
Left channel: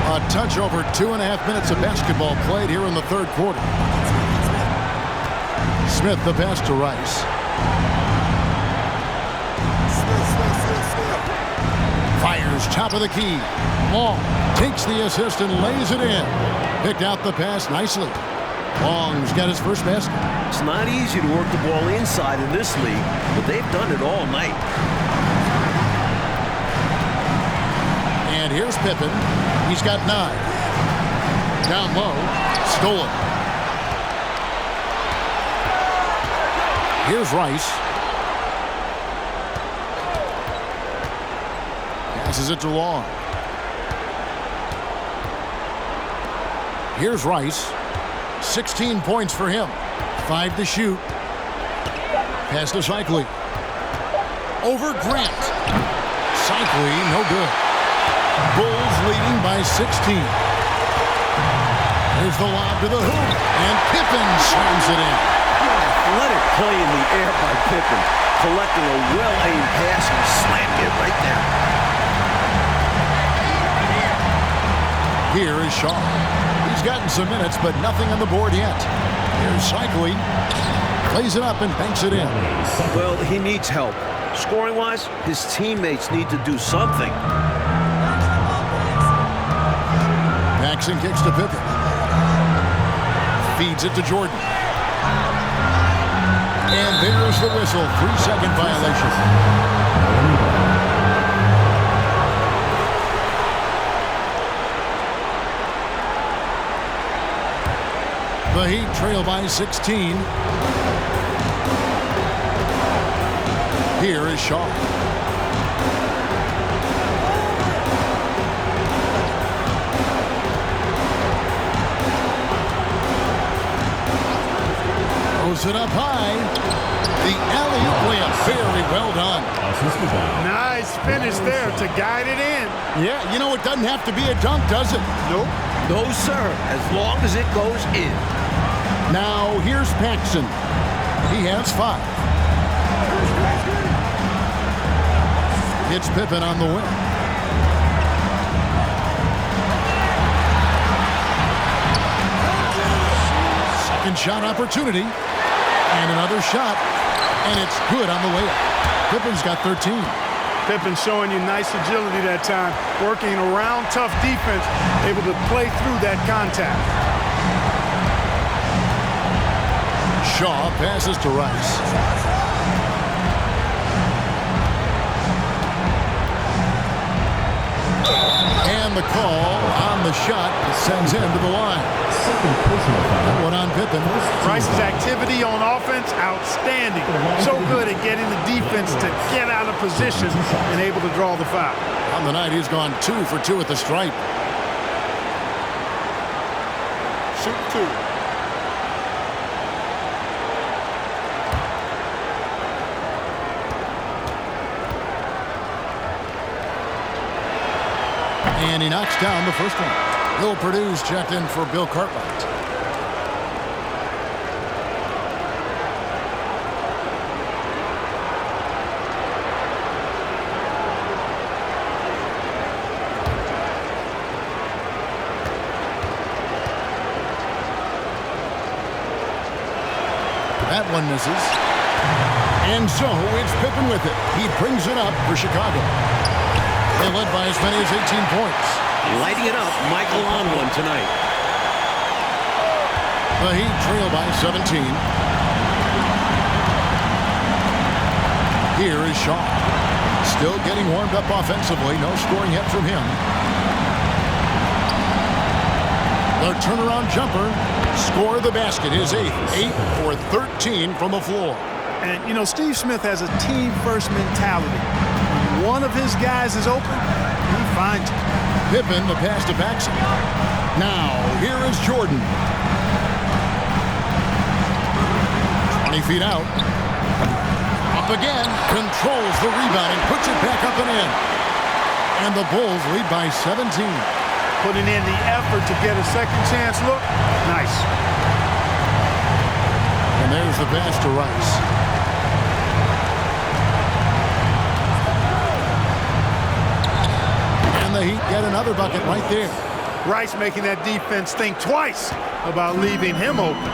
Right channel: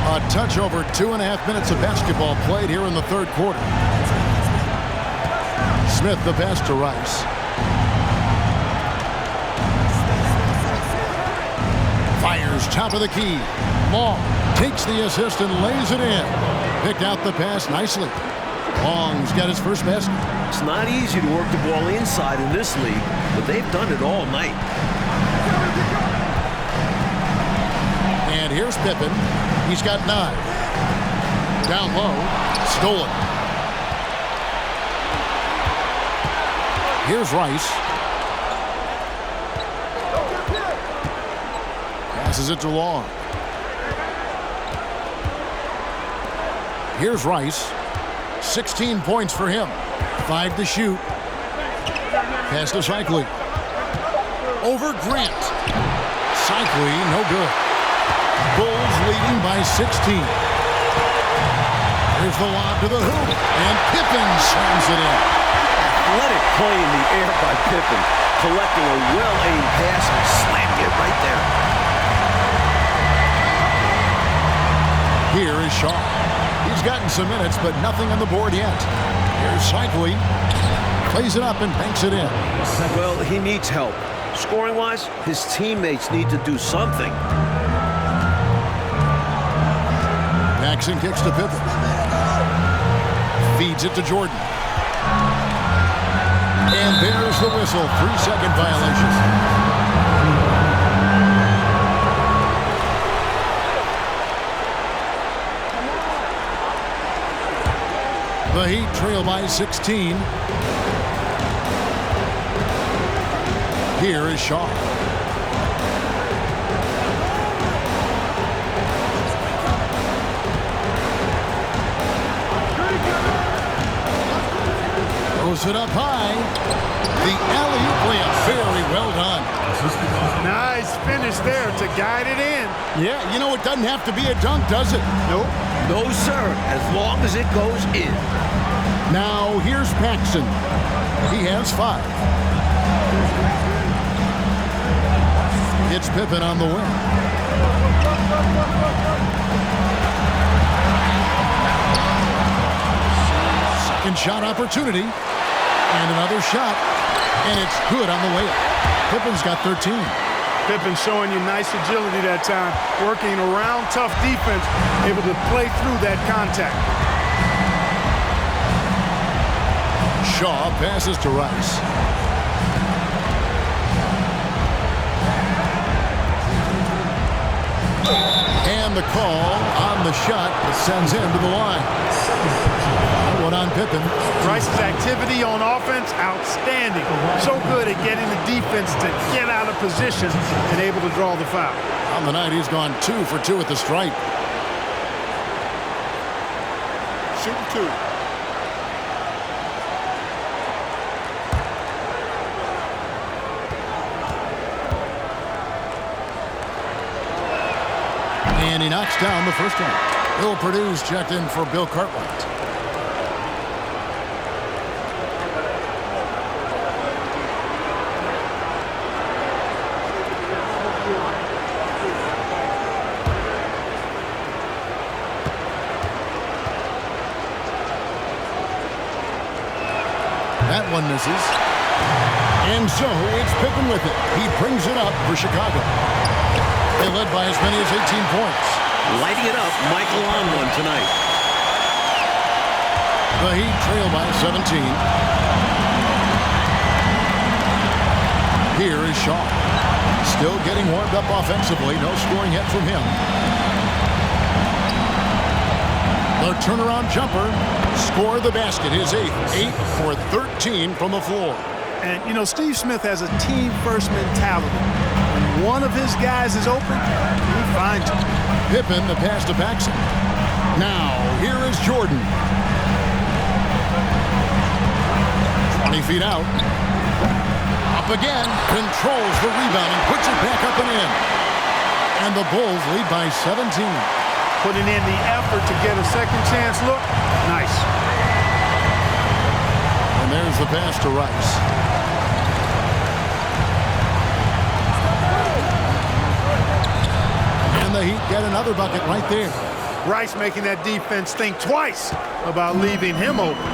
A touch over 2.5 minutes of basketball played here in the third quarter. Smith the pass to Rice. Fires top of the key. Long takes the assist and lays it in. Picked out the pass nicely. Long's got his first basket. It's not easy to work the ball inside in this league, but they've done it all night. And here's Pippen. He's got 9. Down low. Stolen. Here's Rice. Passes it to Long. Here's Rice. 16 points for him. 5 to shoot. Pass to Cycli. Over Grant. Cycli, no good. Bulls leading by 16. Here's the lob to the hoop, and Pippen slams it in. Athletic play in the air by Pippen, collecting a well-aimed pass and slamming it right there. Here is Shaw. He's gotten some minutes, but nothing on the board yet. Here's Cycli. Plays it up and banks it in. Well, he needs help. Scoring-wise, his teammates need to do something. Paxson kicks to Pippen. Feeds it to Jordan. And there's the whistle. 3-second violation. The Heat trail by 16. Here is Shaw. Throws it up high. The alley-oop layup. Very well done. Nice finish there to guide it in. Yeah, you know, it doesn't have to be a dunk, does it? Nope. No, sir, as long as it goes in. Now, here's Paxson. He has 5. It's Pippen on the win. Second shot opportunity. And another shot. And it's good on the layup. Pippen's got 13. Pippen showing you nice agility that time, working around tough defense, able to play through that contact. Shaw passes to Rice. And the call on the shot that sends him to the line. That one on Pippen. Rice's activity on offense, outstanding. So good at getting the defense to get out of position and able to draw the foul. On the night, he's gone 2 for 2 at the stripe. Shooting 2. And he knocks down the first one. Bill Perdue's checked in for Bill Cartwright. That one misses. And so it's Pippen with it. He brings it up for Chicago. They led by as many as 18 points. Lighting it up, Michael on one tonight. The Heat trail by 17. Here is Shaw. Still getting warmed up offensively. No scoring yet from him. The turnaround jumper. Score the basket. His 8th. 8 for 13 from the floor. And, you know, Steve Smith has a team-first mentality. When one of his guys is open, he finds it. Pippen, the pass to Paxson. Now, here is Jordan. 20 feet out. Up again. Controls the rebound and puts it back up and in. And the Bulls lead by 17. Putting in the effort to get a second chance look. Nice. And there's the pass to Rice. And the Heat get another bucket right there. Rice making that defense think twice about leaving him open.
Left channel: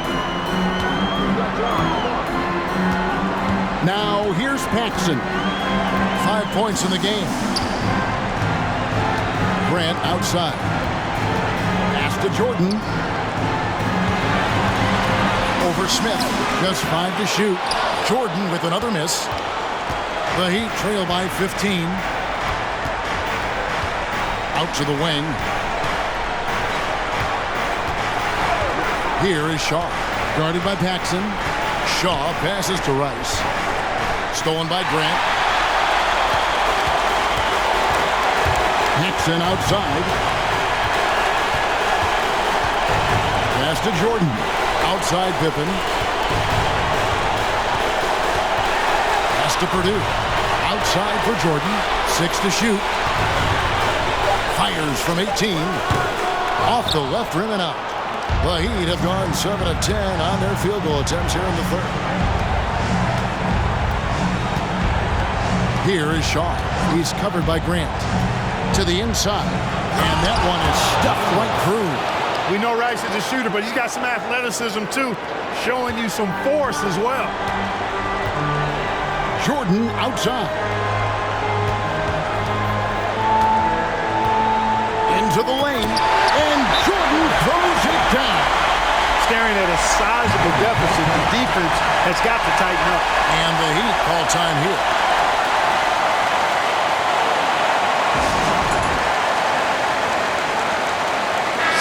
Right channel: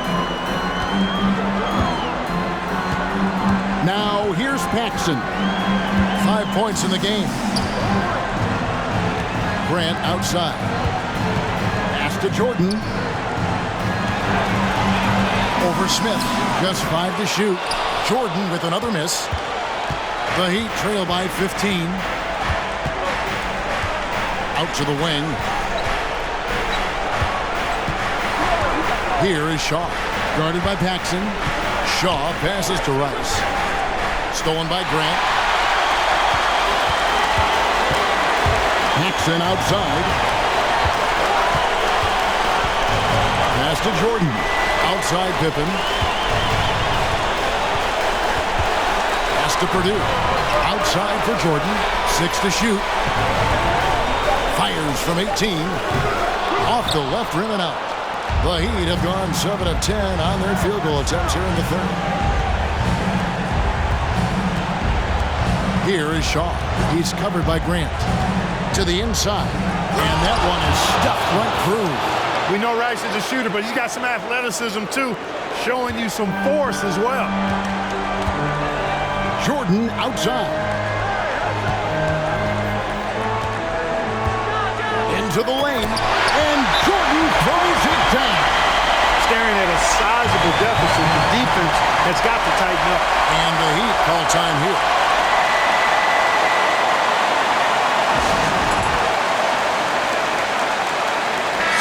Now here's Paxson. 5 points in the game. Grant outside. Pass to Jordan. Over Smith. Just 5 to shoot. Jordan with another miss. The Heat trail by 15. Out to the wing. Here is Shaw. Guarded by Paxson. Shaw passes to Rice. Stolen by Grant. Paxson outside. Pass to Jordan. Outside Pippen. Pass to Perdue. Outside for Jordan. 6 to shoot. Fires from 18. Off the left rim and out. The Heat have gone 7 of 10 on their field goal attempts here in the third. Here is Shaw. He's covered by Grant. To the inside. And that one is stuffed right through. We know Rice is a shooter, but he's got some athleticism too, showing you some force as well. Jordan outside. Into the lane, and Jordan throws it down. Staring at a sizable deficit, the defense has got to tighten up. And the Heat call time here.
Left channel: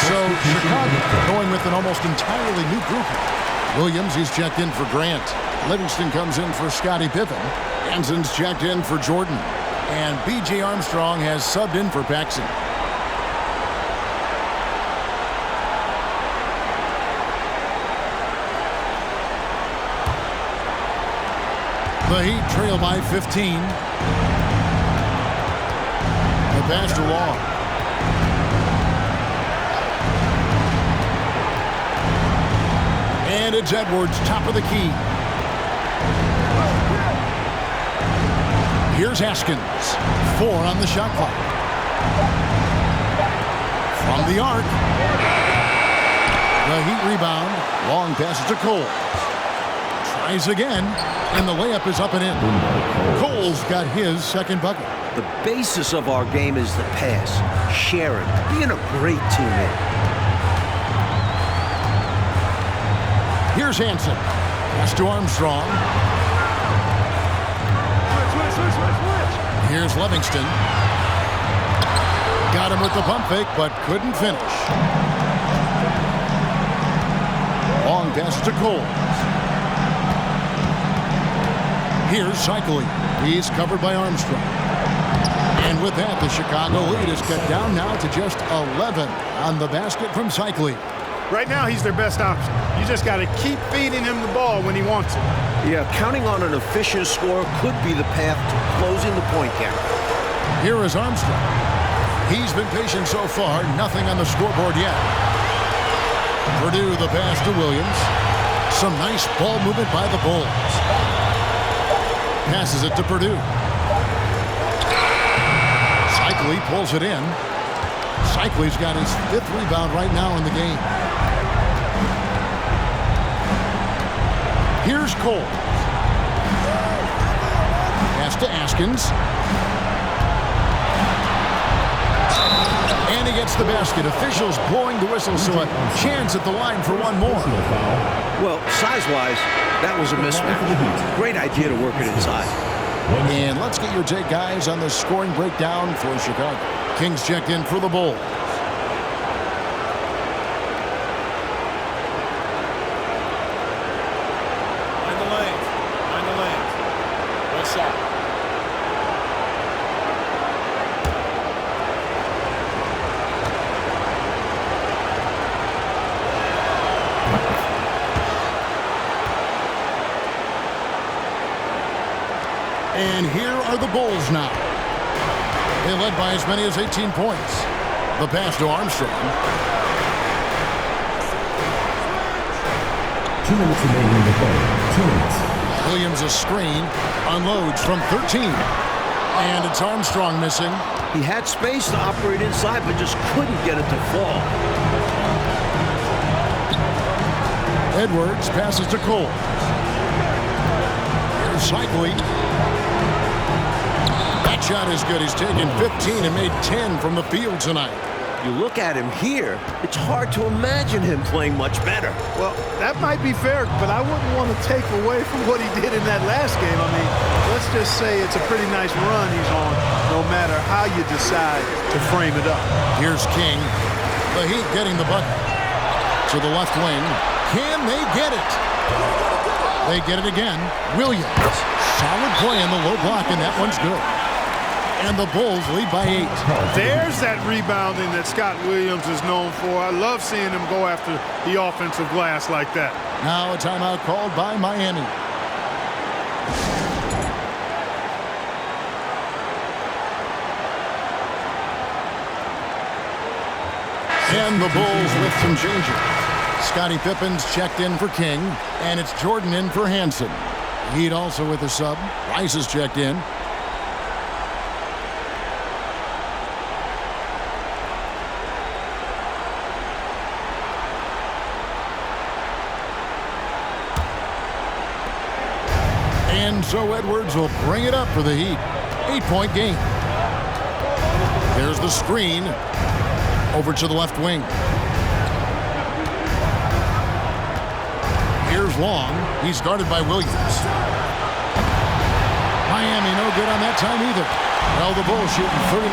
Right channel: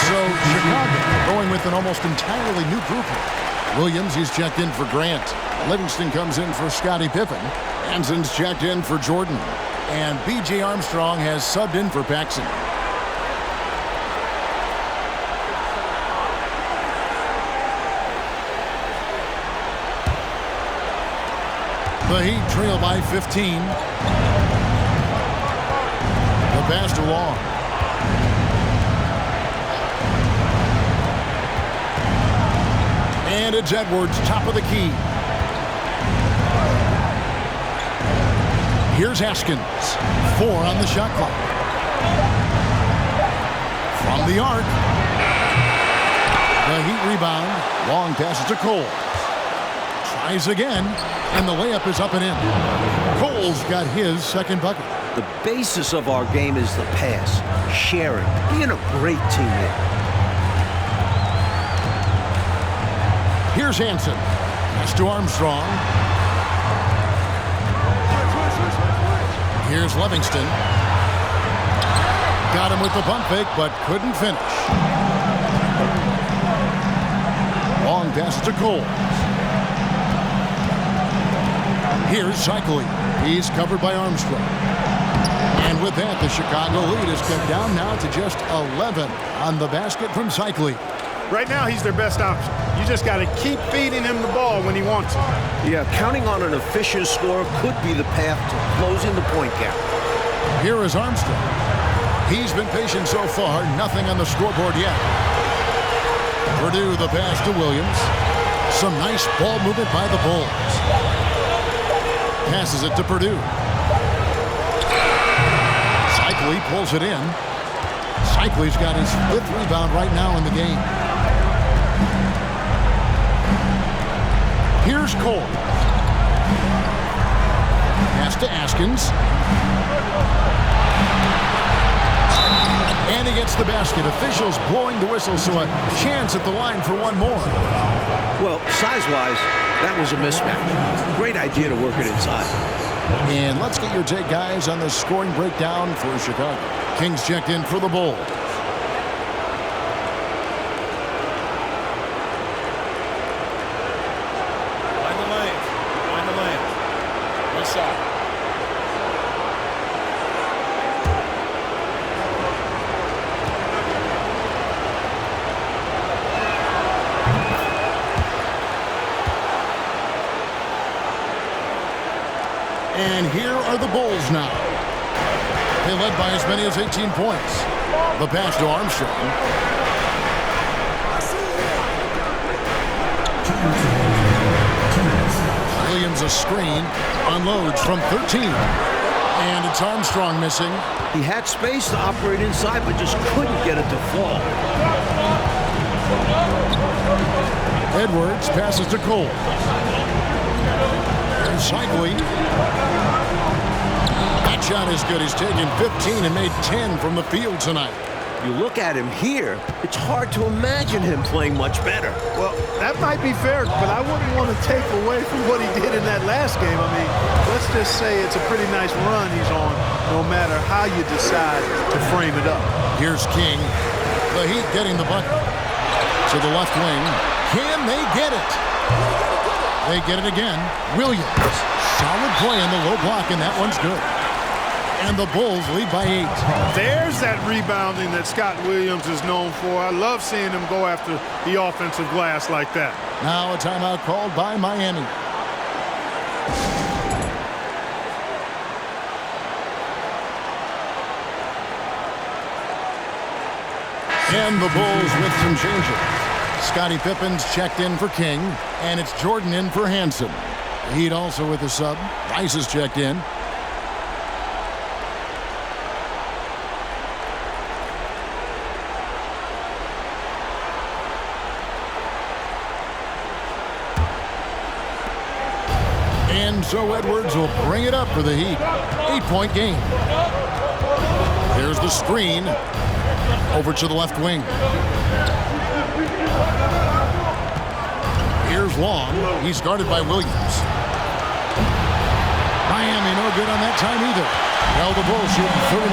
So Chicago going with an almost entirely new group here. Williams, he's checked in for Grant. Livingston comes in for Scottie Pippen. Hanson's checked in for Jordan. And B.J. Armstrong has subbed in for Paxson. The Heat trail by 15. The pass to Long. And it's Edwards, top of the key. Here's Haskins. 4 on the shot clock. From the arc. The Heat rebound. Long passes to Coles. Tries again, and the layup is up and in. Coles got his second bucket. The basis of our game is the pass, sharing, being a great teammate. Here's Hanson. Pass to Armstrong. Here's Livingston. Got him with the pump fake, but couldn't finish. Long pass to Coles. Here's Cycling. He's covered by Armstrong. And with that, the Chicago lead is cut down now to just 11 on the basket from Cycling. Right now, he's their best option. You just got to keep feeding him the ball when he wants it. Yeah, counting on an efficient score could be the path to closing the point gap. Here is Armstrong. He's been patient so far. Nothing on the scoreboard yet. Purdue the pass to Williams. Some nice ball movement by the Bulls. Passes it to Purdue. Cycli pulls it in. Cycli's got his 5th rebound right now in the game. Here's Cole. Pass to Askins. And he gets the basket. Officials blowing the whistle, so a chance at the line for one more. Well, size-wise, that was a mismatch. Great idea to work it inside. And let's get your take, guys, on the scoring breakdown for Chicago. Kings checked in for the Bulls. Mind the lanes. Mind the lanes. One shot. And here are the Bulls now. They led by as many as 18 points. The pass to Armstrong. 2 minutes remaining in the third. 2 minutes. Williams a screen. Unloads from 13. And it's Armstrong missing. He had space to operate inside, but just couldn't get it to fall. Edwards passes to Cole. Here's Cycli. That shot is good. He's taken 15 and made 10 from the field tonight. You look at him here, it's hard to imagine him playing much better. Well, that might be fair, but I wouldn't want to take away from what he did in that last game. I mean, let's just say it's a pretty nice run he's on, no matter how you decide to frame it up. Here's King. The Heat getting the bucket. To the left wing. Can they get it? They get it again. Williams. Solid play in the low block, and that one's good. And the Bulls lead by 8. There's that rebounding that Scott Williams is known for. I love seeing him go after the offensive glass like that. Now a timeout called by Miami. And the Bulls with some changes. Scottie Pippen's checked in for King, and it's Jordan in for Hansen. Heat also with a sub. Rice is checked in. And so Edwards will bring it up for the Heat. 8-point game. There's the screen. Over to the left wing. Here's Long. He's guarded by Williams. Miami no good on that time either. Well, the Bulls shooting 39%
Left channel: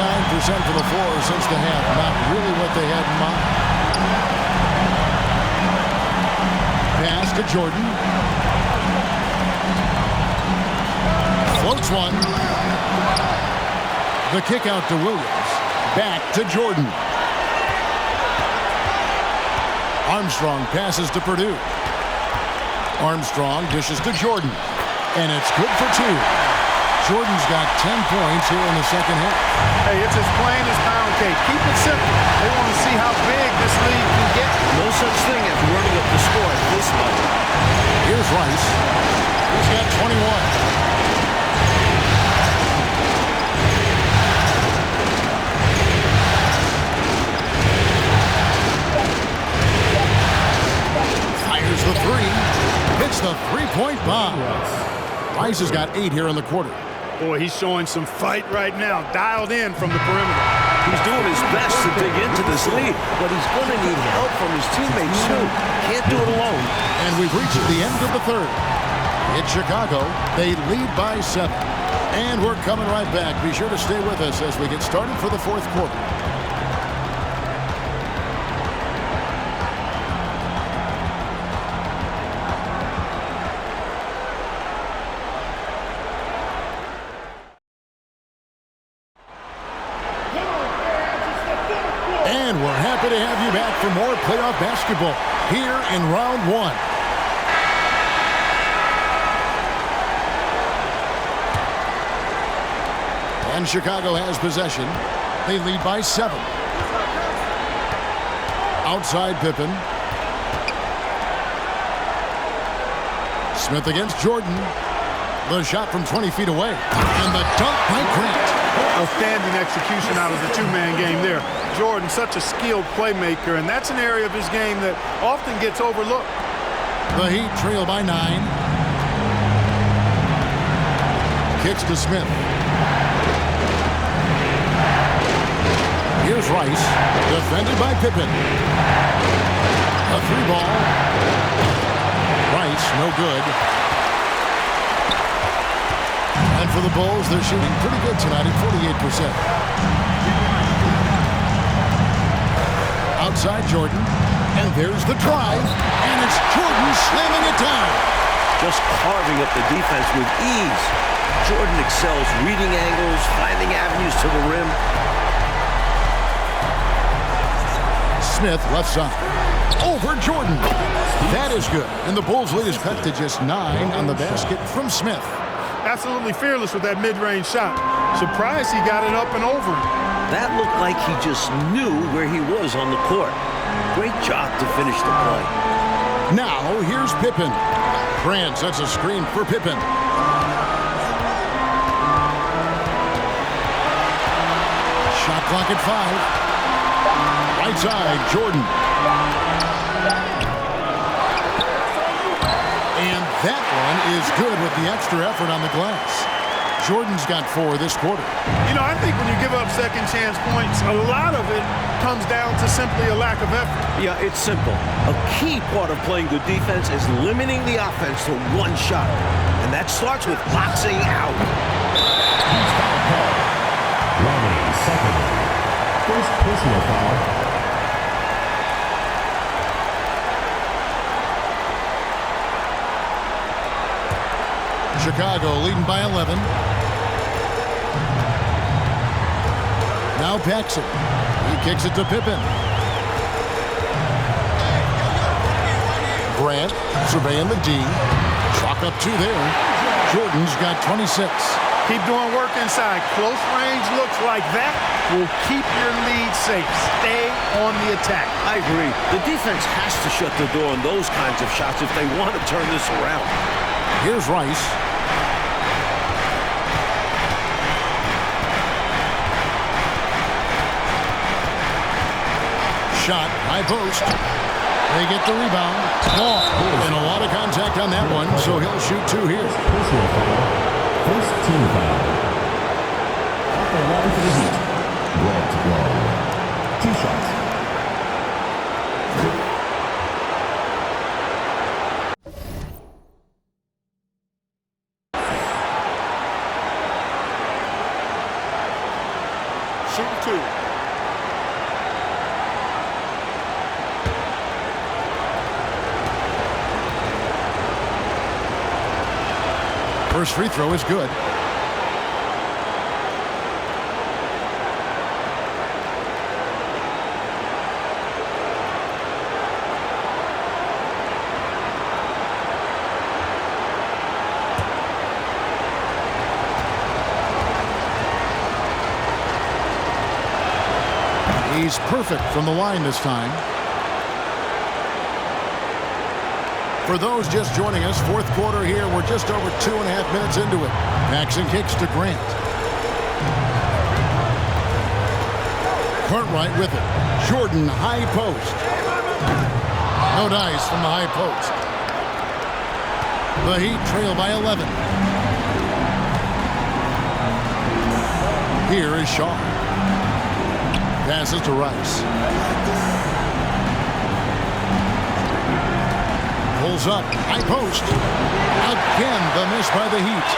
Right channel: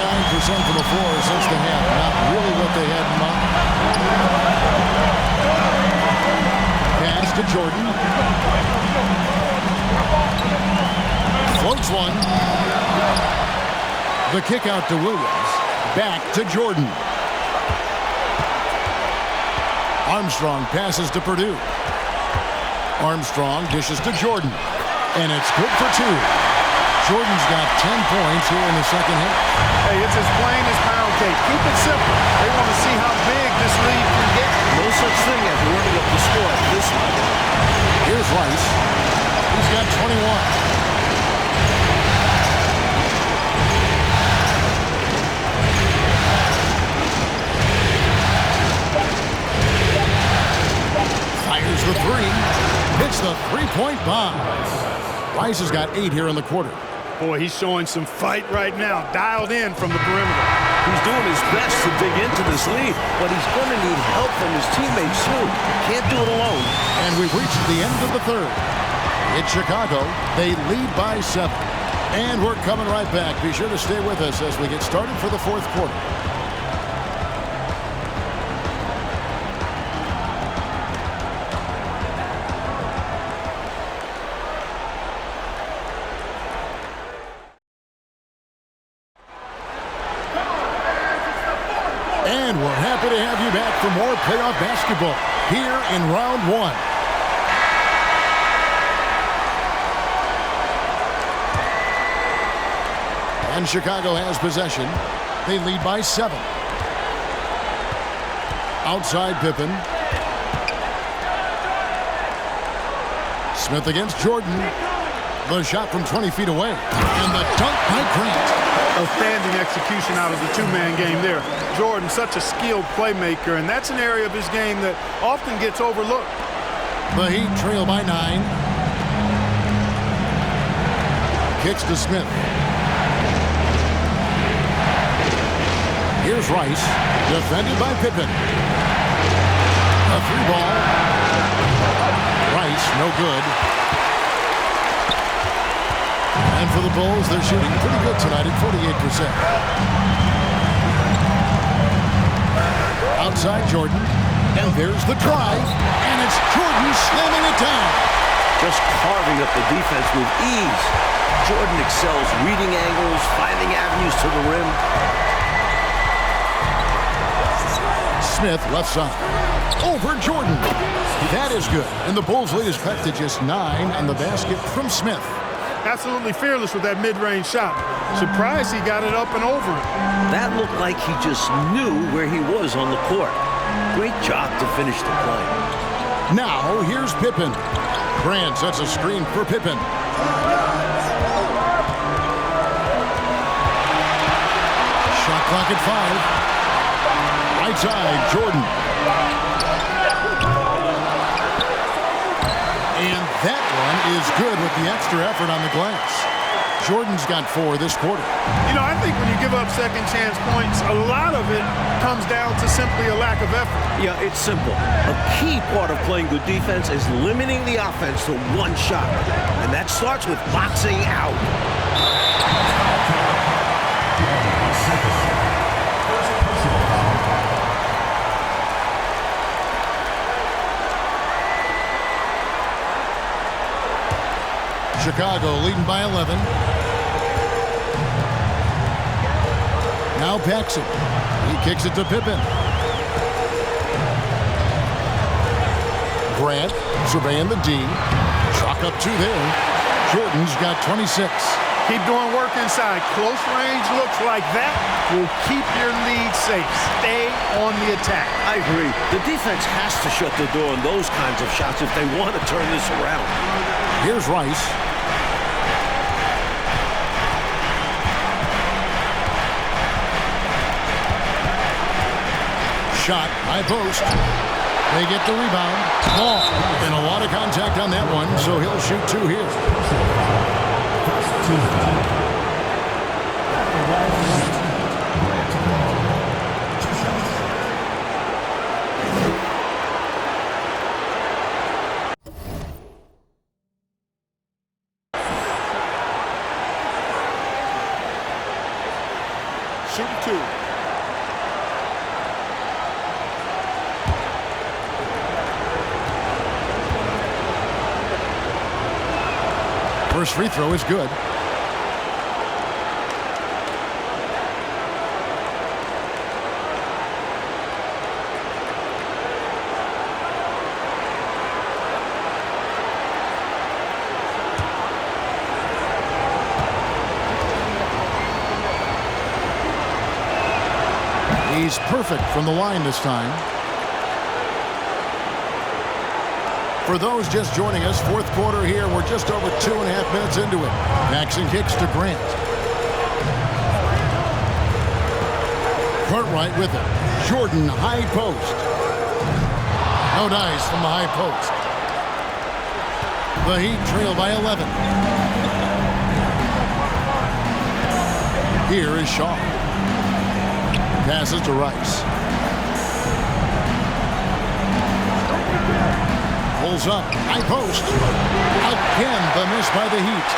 for the floor since the half. Not really what they had in mind. Pass to Jordan. Floats one. The kick out to Williams. Back to Jordan. Armstrong passes to Purdue. Armstrong dishes to Jordan. And it's good for 2. Jordan's got 10 points here in the second half. Hey, it's as plain as pound cake. Keep it simple. They want to see how big this lead can get. No such thing as running up the score at this level. Here's Rice. He's got 21. Fires the 3. Hits the three-point bomb. Rice has got 8 here in the quarter. Boy, he's showing some fight right now. Dialed in from the perimeter. He's doing his best to dig into this lead, but he's going to need help from his teammates, too. Can't do it alone. And we've reached the end of the third. It's Chicago. They lead by 7. And we're coming right back. Be sure to stay with us as we get started for the fourth quarter. And we're happy to have you back for more playoff basketball here in round 1. And Chicago has possession. They lead by 7. Outside Pippen. Smith against Jordan. The shot from 20 feet away. And the dunk by Grant. Outstanding execution out of the two-man game there. Jordan, such a skilled playmaker, and that's an area of his game that often gets overlooked. The Heat trail by 9. Kicks to Smith. Here's Rice, defended by Pippen. A 3-ball. Rice, no good. And for the Bulls, they're shooting pretty good tonight at 48%. Outside Jordan. And there's the drive. And it's Jordan slamming it down. Just carving up the defense with ease. Jordan excels reading angles, finding avenues to the rim. Smith left side. Over Jordan. That is good. And the Bulls lead is cut to just 9 on the basket from Smith. Absolutely fearless with that mid-range shot. Surprised he got it up and over him. That looked like he just knew where he was on the court. Great job to finish the play. Now, here's Pippen. Grant sets a screen for Pippen. Shot clock at 5. Right side, Jordan. And that one is good with the extra effort on the glass. Jordan's got 4 this quarter. You know, I think when you give up second chance points, a lot of it comes down to simply a lack of effort. Yeah, it's simple. A key part of playing good defense is limiting the offense to one shot. And that starts with boxing out. First personal foul. Chicago leading by 11. Now Paxson. He kicks it to Pippen. Grant surveying the D. Chalk up 2 there. Jordan's got 26. Keep doing work inside. Close range looks like that will keep your lead safe. Stay on the attack. I agree. The defense has to shut the door on those kinds of shots if they want to turn this around. Here's Rice. Shot, high post. They get the rebound. Ball. And a lot of contact on that one, so he'll shoot 2 here. Personal foul. First team foul. At the line for the Heat. Grant Wall. 2 shots. Shooting 2. First free throw is good. He's perfect from the line this time. For those just joining us, 4th quarter here. We're just over 2.5 minutes into it. Paxson kicks to Grant. Cartwright with it. Jordan, high post. No dice from the high post. The Heat trail by 11. Here is Shaw. Passes to Rice. Pulls up, high post. Again, the miss by the Heat.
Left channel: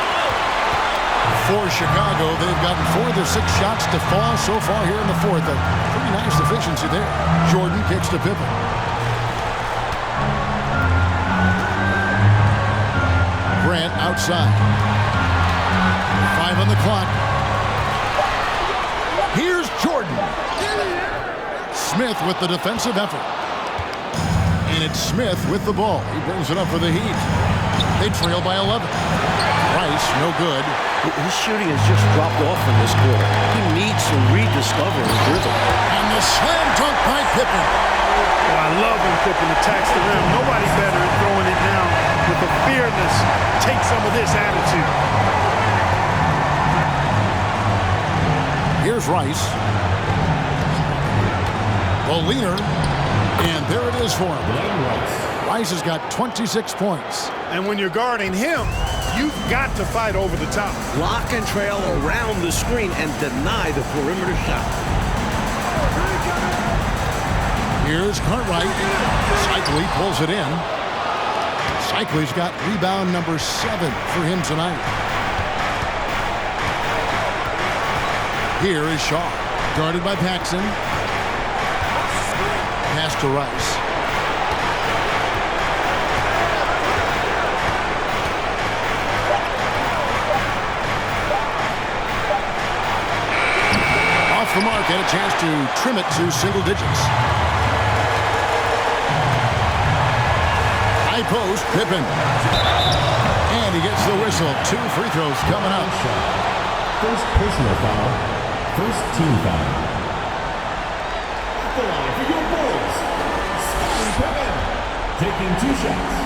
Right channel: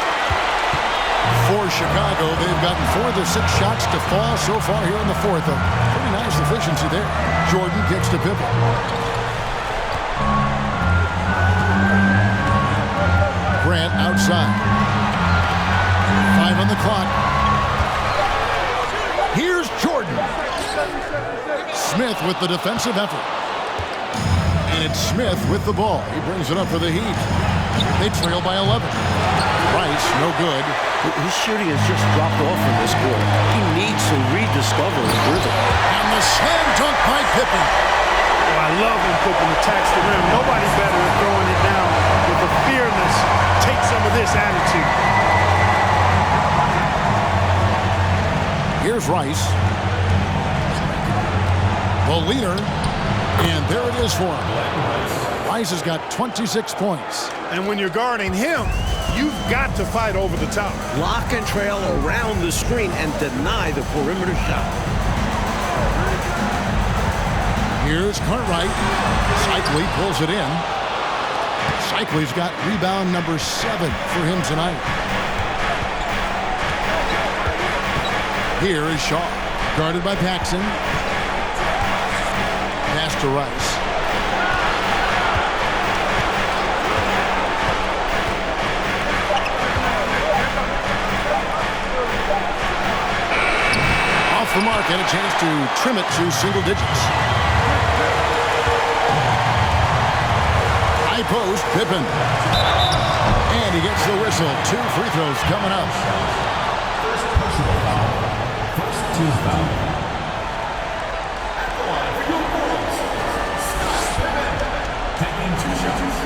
For Chicago, they've gotten 4 of their 6 shots to fall so far here in the 4th. A pretty nice efficiency there. Jordan kicks to Pippen. Grant outside. 5 on the clock. Here's Jordan. Smith with the defensive effort. And it's Smith with the ball. He brings it up for the Heat. They trail by 11. Rice, no good. His shooting has just dropped off in this quarter. He needs to rediscover his rhythm. And the slam dunk by Pippen. Oh, I love when Pippen attacks the rim. Nobody better at throwing it down with a fearless, take some of this attitude. Here's Rice. The leaner. And there it is for him. Rice has got 26 points. And when you're guarding him, you've got to fight over the top. Lock and trail around the screen and deny the perimeter shot. Here's Cartwright. Cycli pulls it in. Cycli's got rebound number 7 for him tonight. Here is Shaw. Guarded by Paxson. Pass to Rice. Off the mark and a chance to trim it to single digits. High post, Pippen. And he gets the whistle. 2 free throws coming up. First personal foul. First team foul. At the line for your Bulls, Pippen taking 2 shots.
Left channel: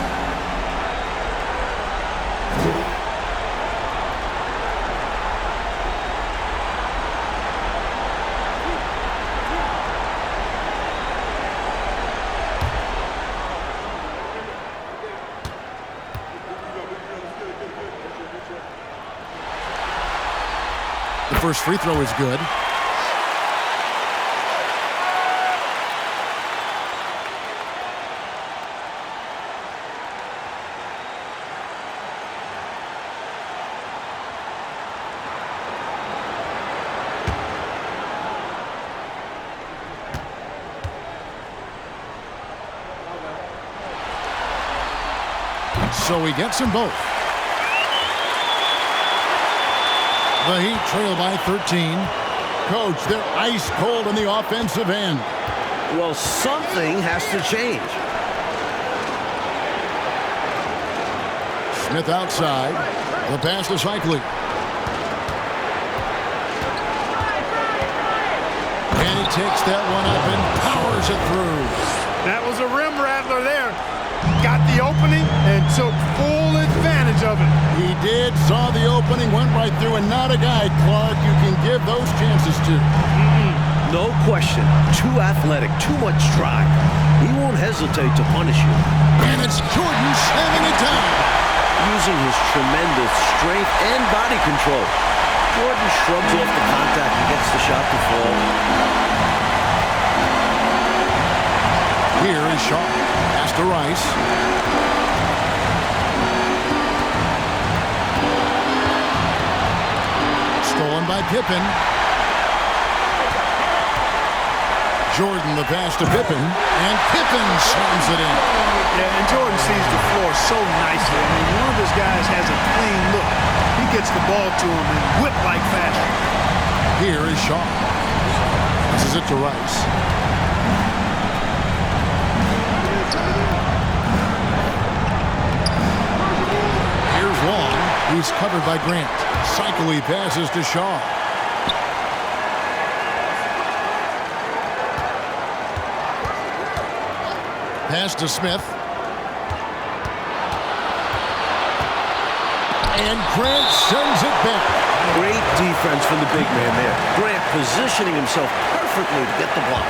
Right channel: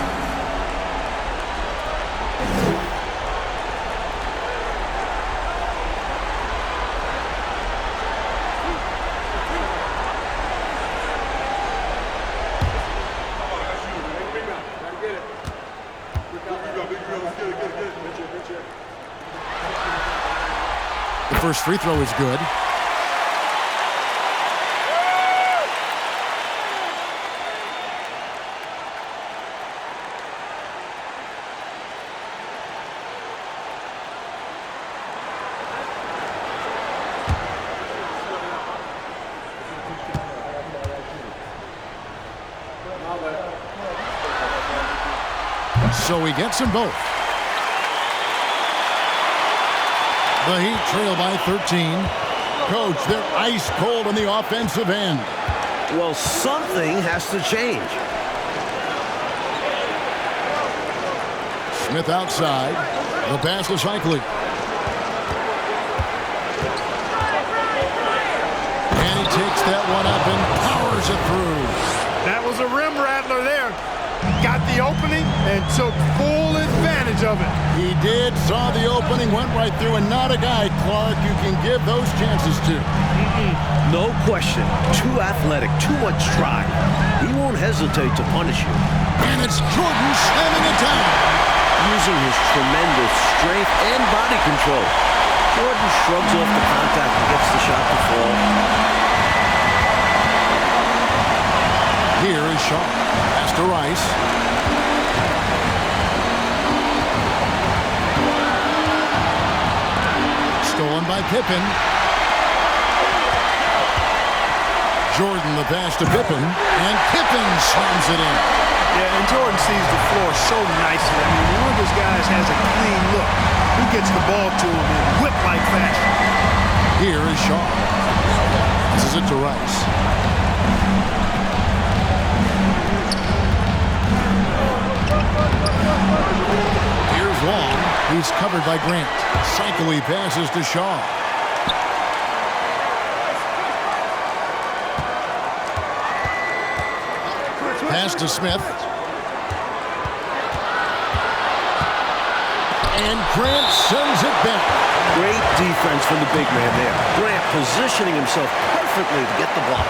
The first free throw is good. So he gets them both. The Heat trail by 13. Coach, they're ice cold on the offensive end. Well, something has to change. Smith outside. The pass to Cycli. And he takes that one up and powers it through. That was a rim rattler there. Got the opening and took full advantage of it. He did, saw the opening, went right through, and not a guy, Clark, you can give those chances to. No question. Too athletic, too much drive. He won't hesitate to punish you. And it's Jordan slamming it down. Using his tremendous strength and body control, Jordan shrugs off the contact and gets the shot to fall. Here is Shaw. Pass to Rice. Stolen by Pippen. Jordan the pass to Pippen, and Pippen slams it in. Yeah, and Jordan sees the floor so nicely. I mean, one of his guys has a clean look. He gets the ball to him in whip-like fashion. Here is Shaw. This is it to Rice. Here's Long. He's covered by Grant. Cycli passes to Shaw. Pass to Smith. And Grant sends it back. Great defense from the big man there. Grant positioning himself perfectly to get the block.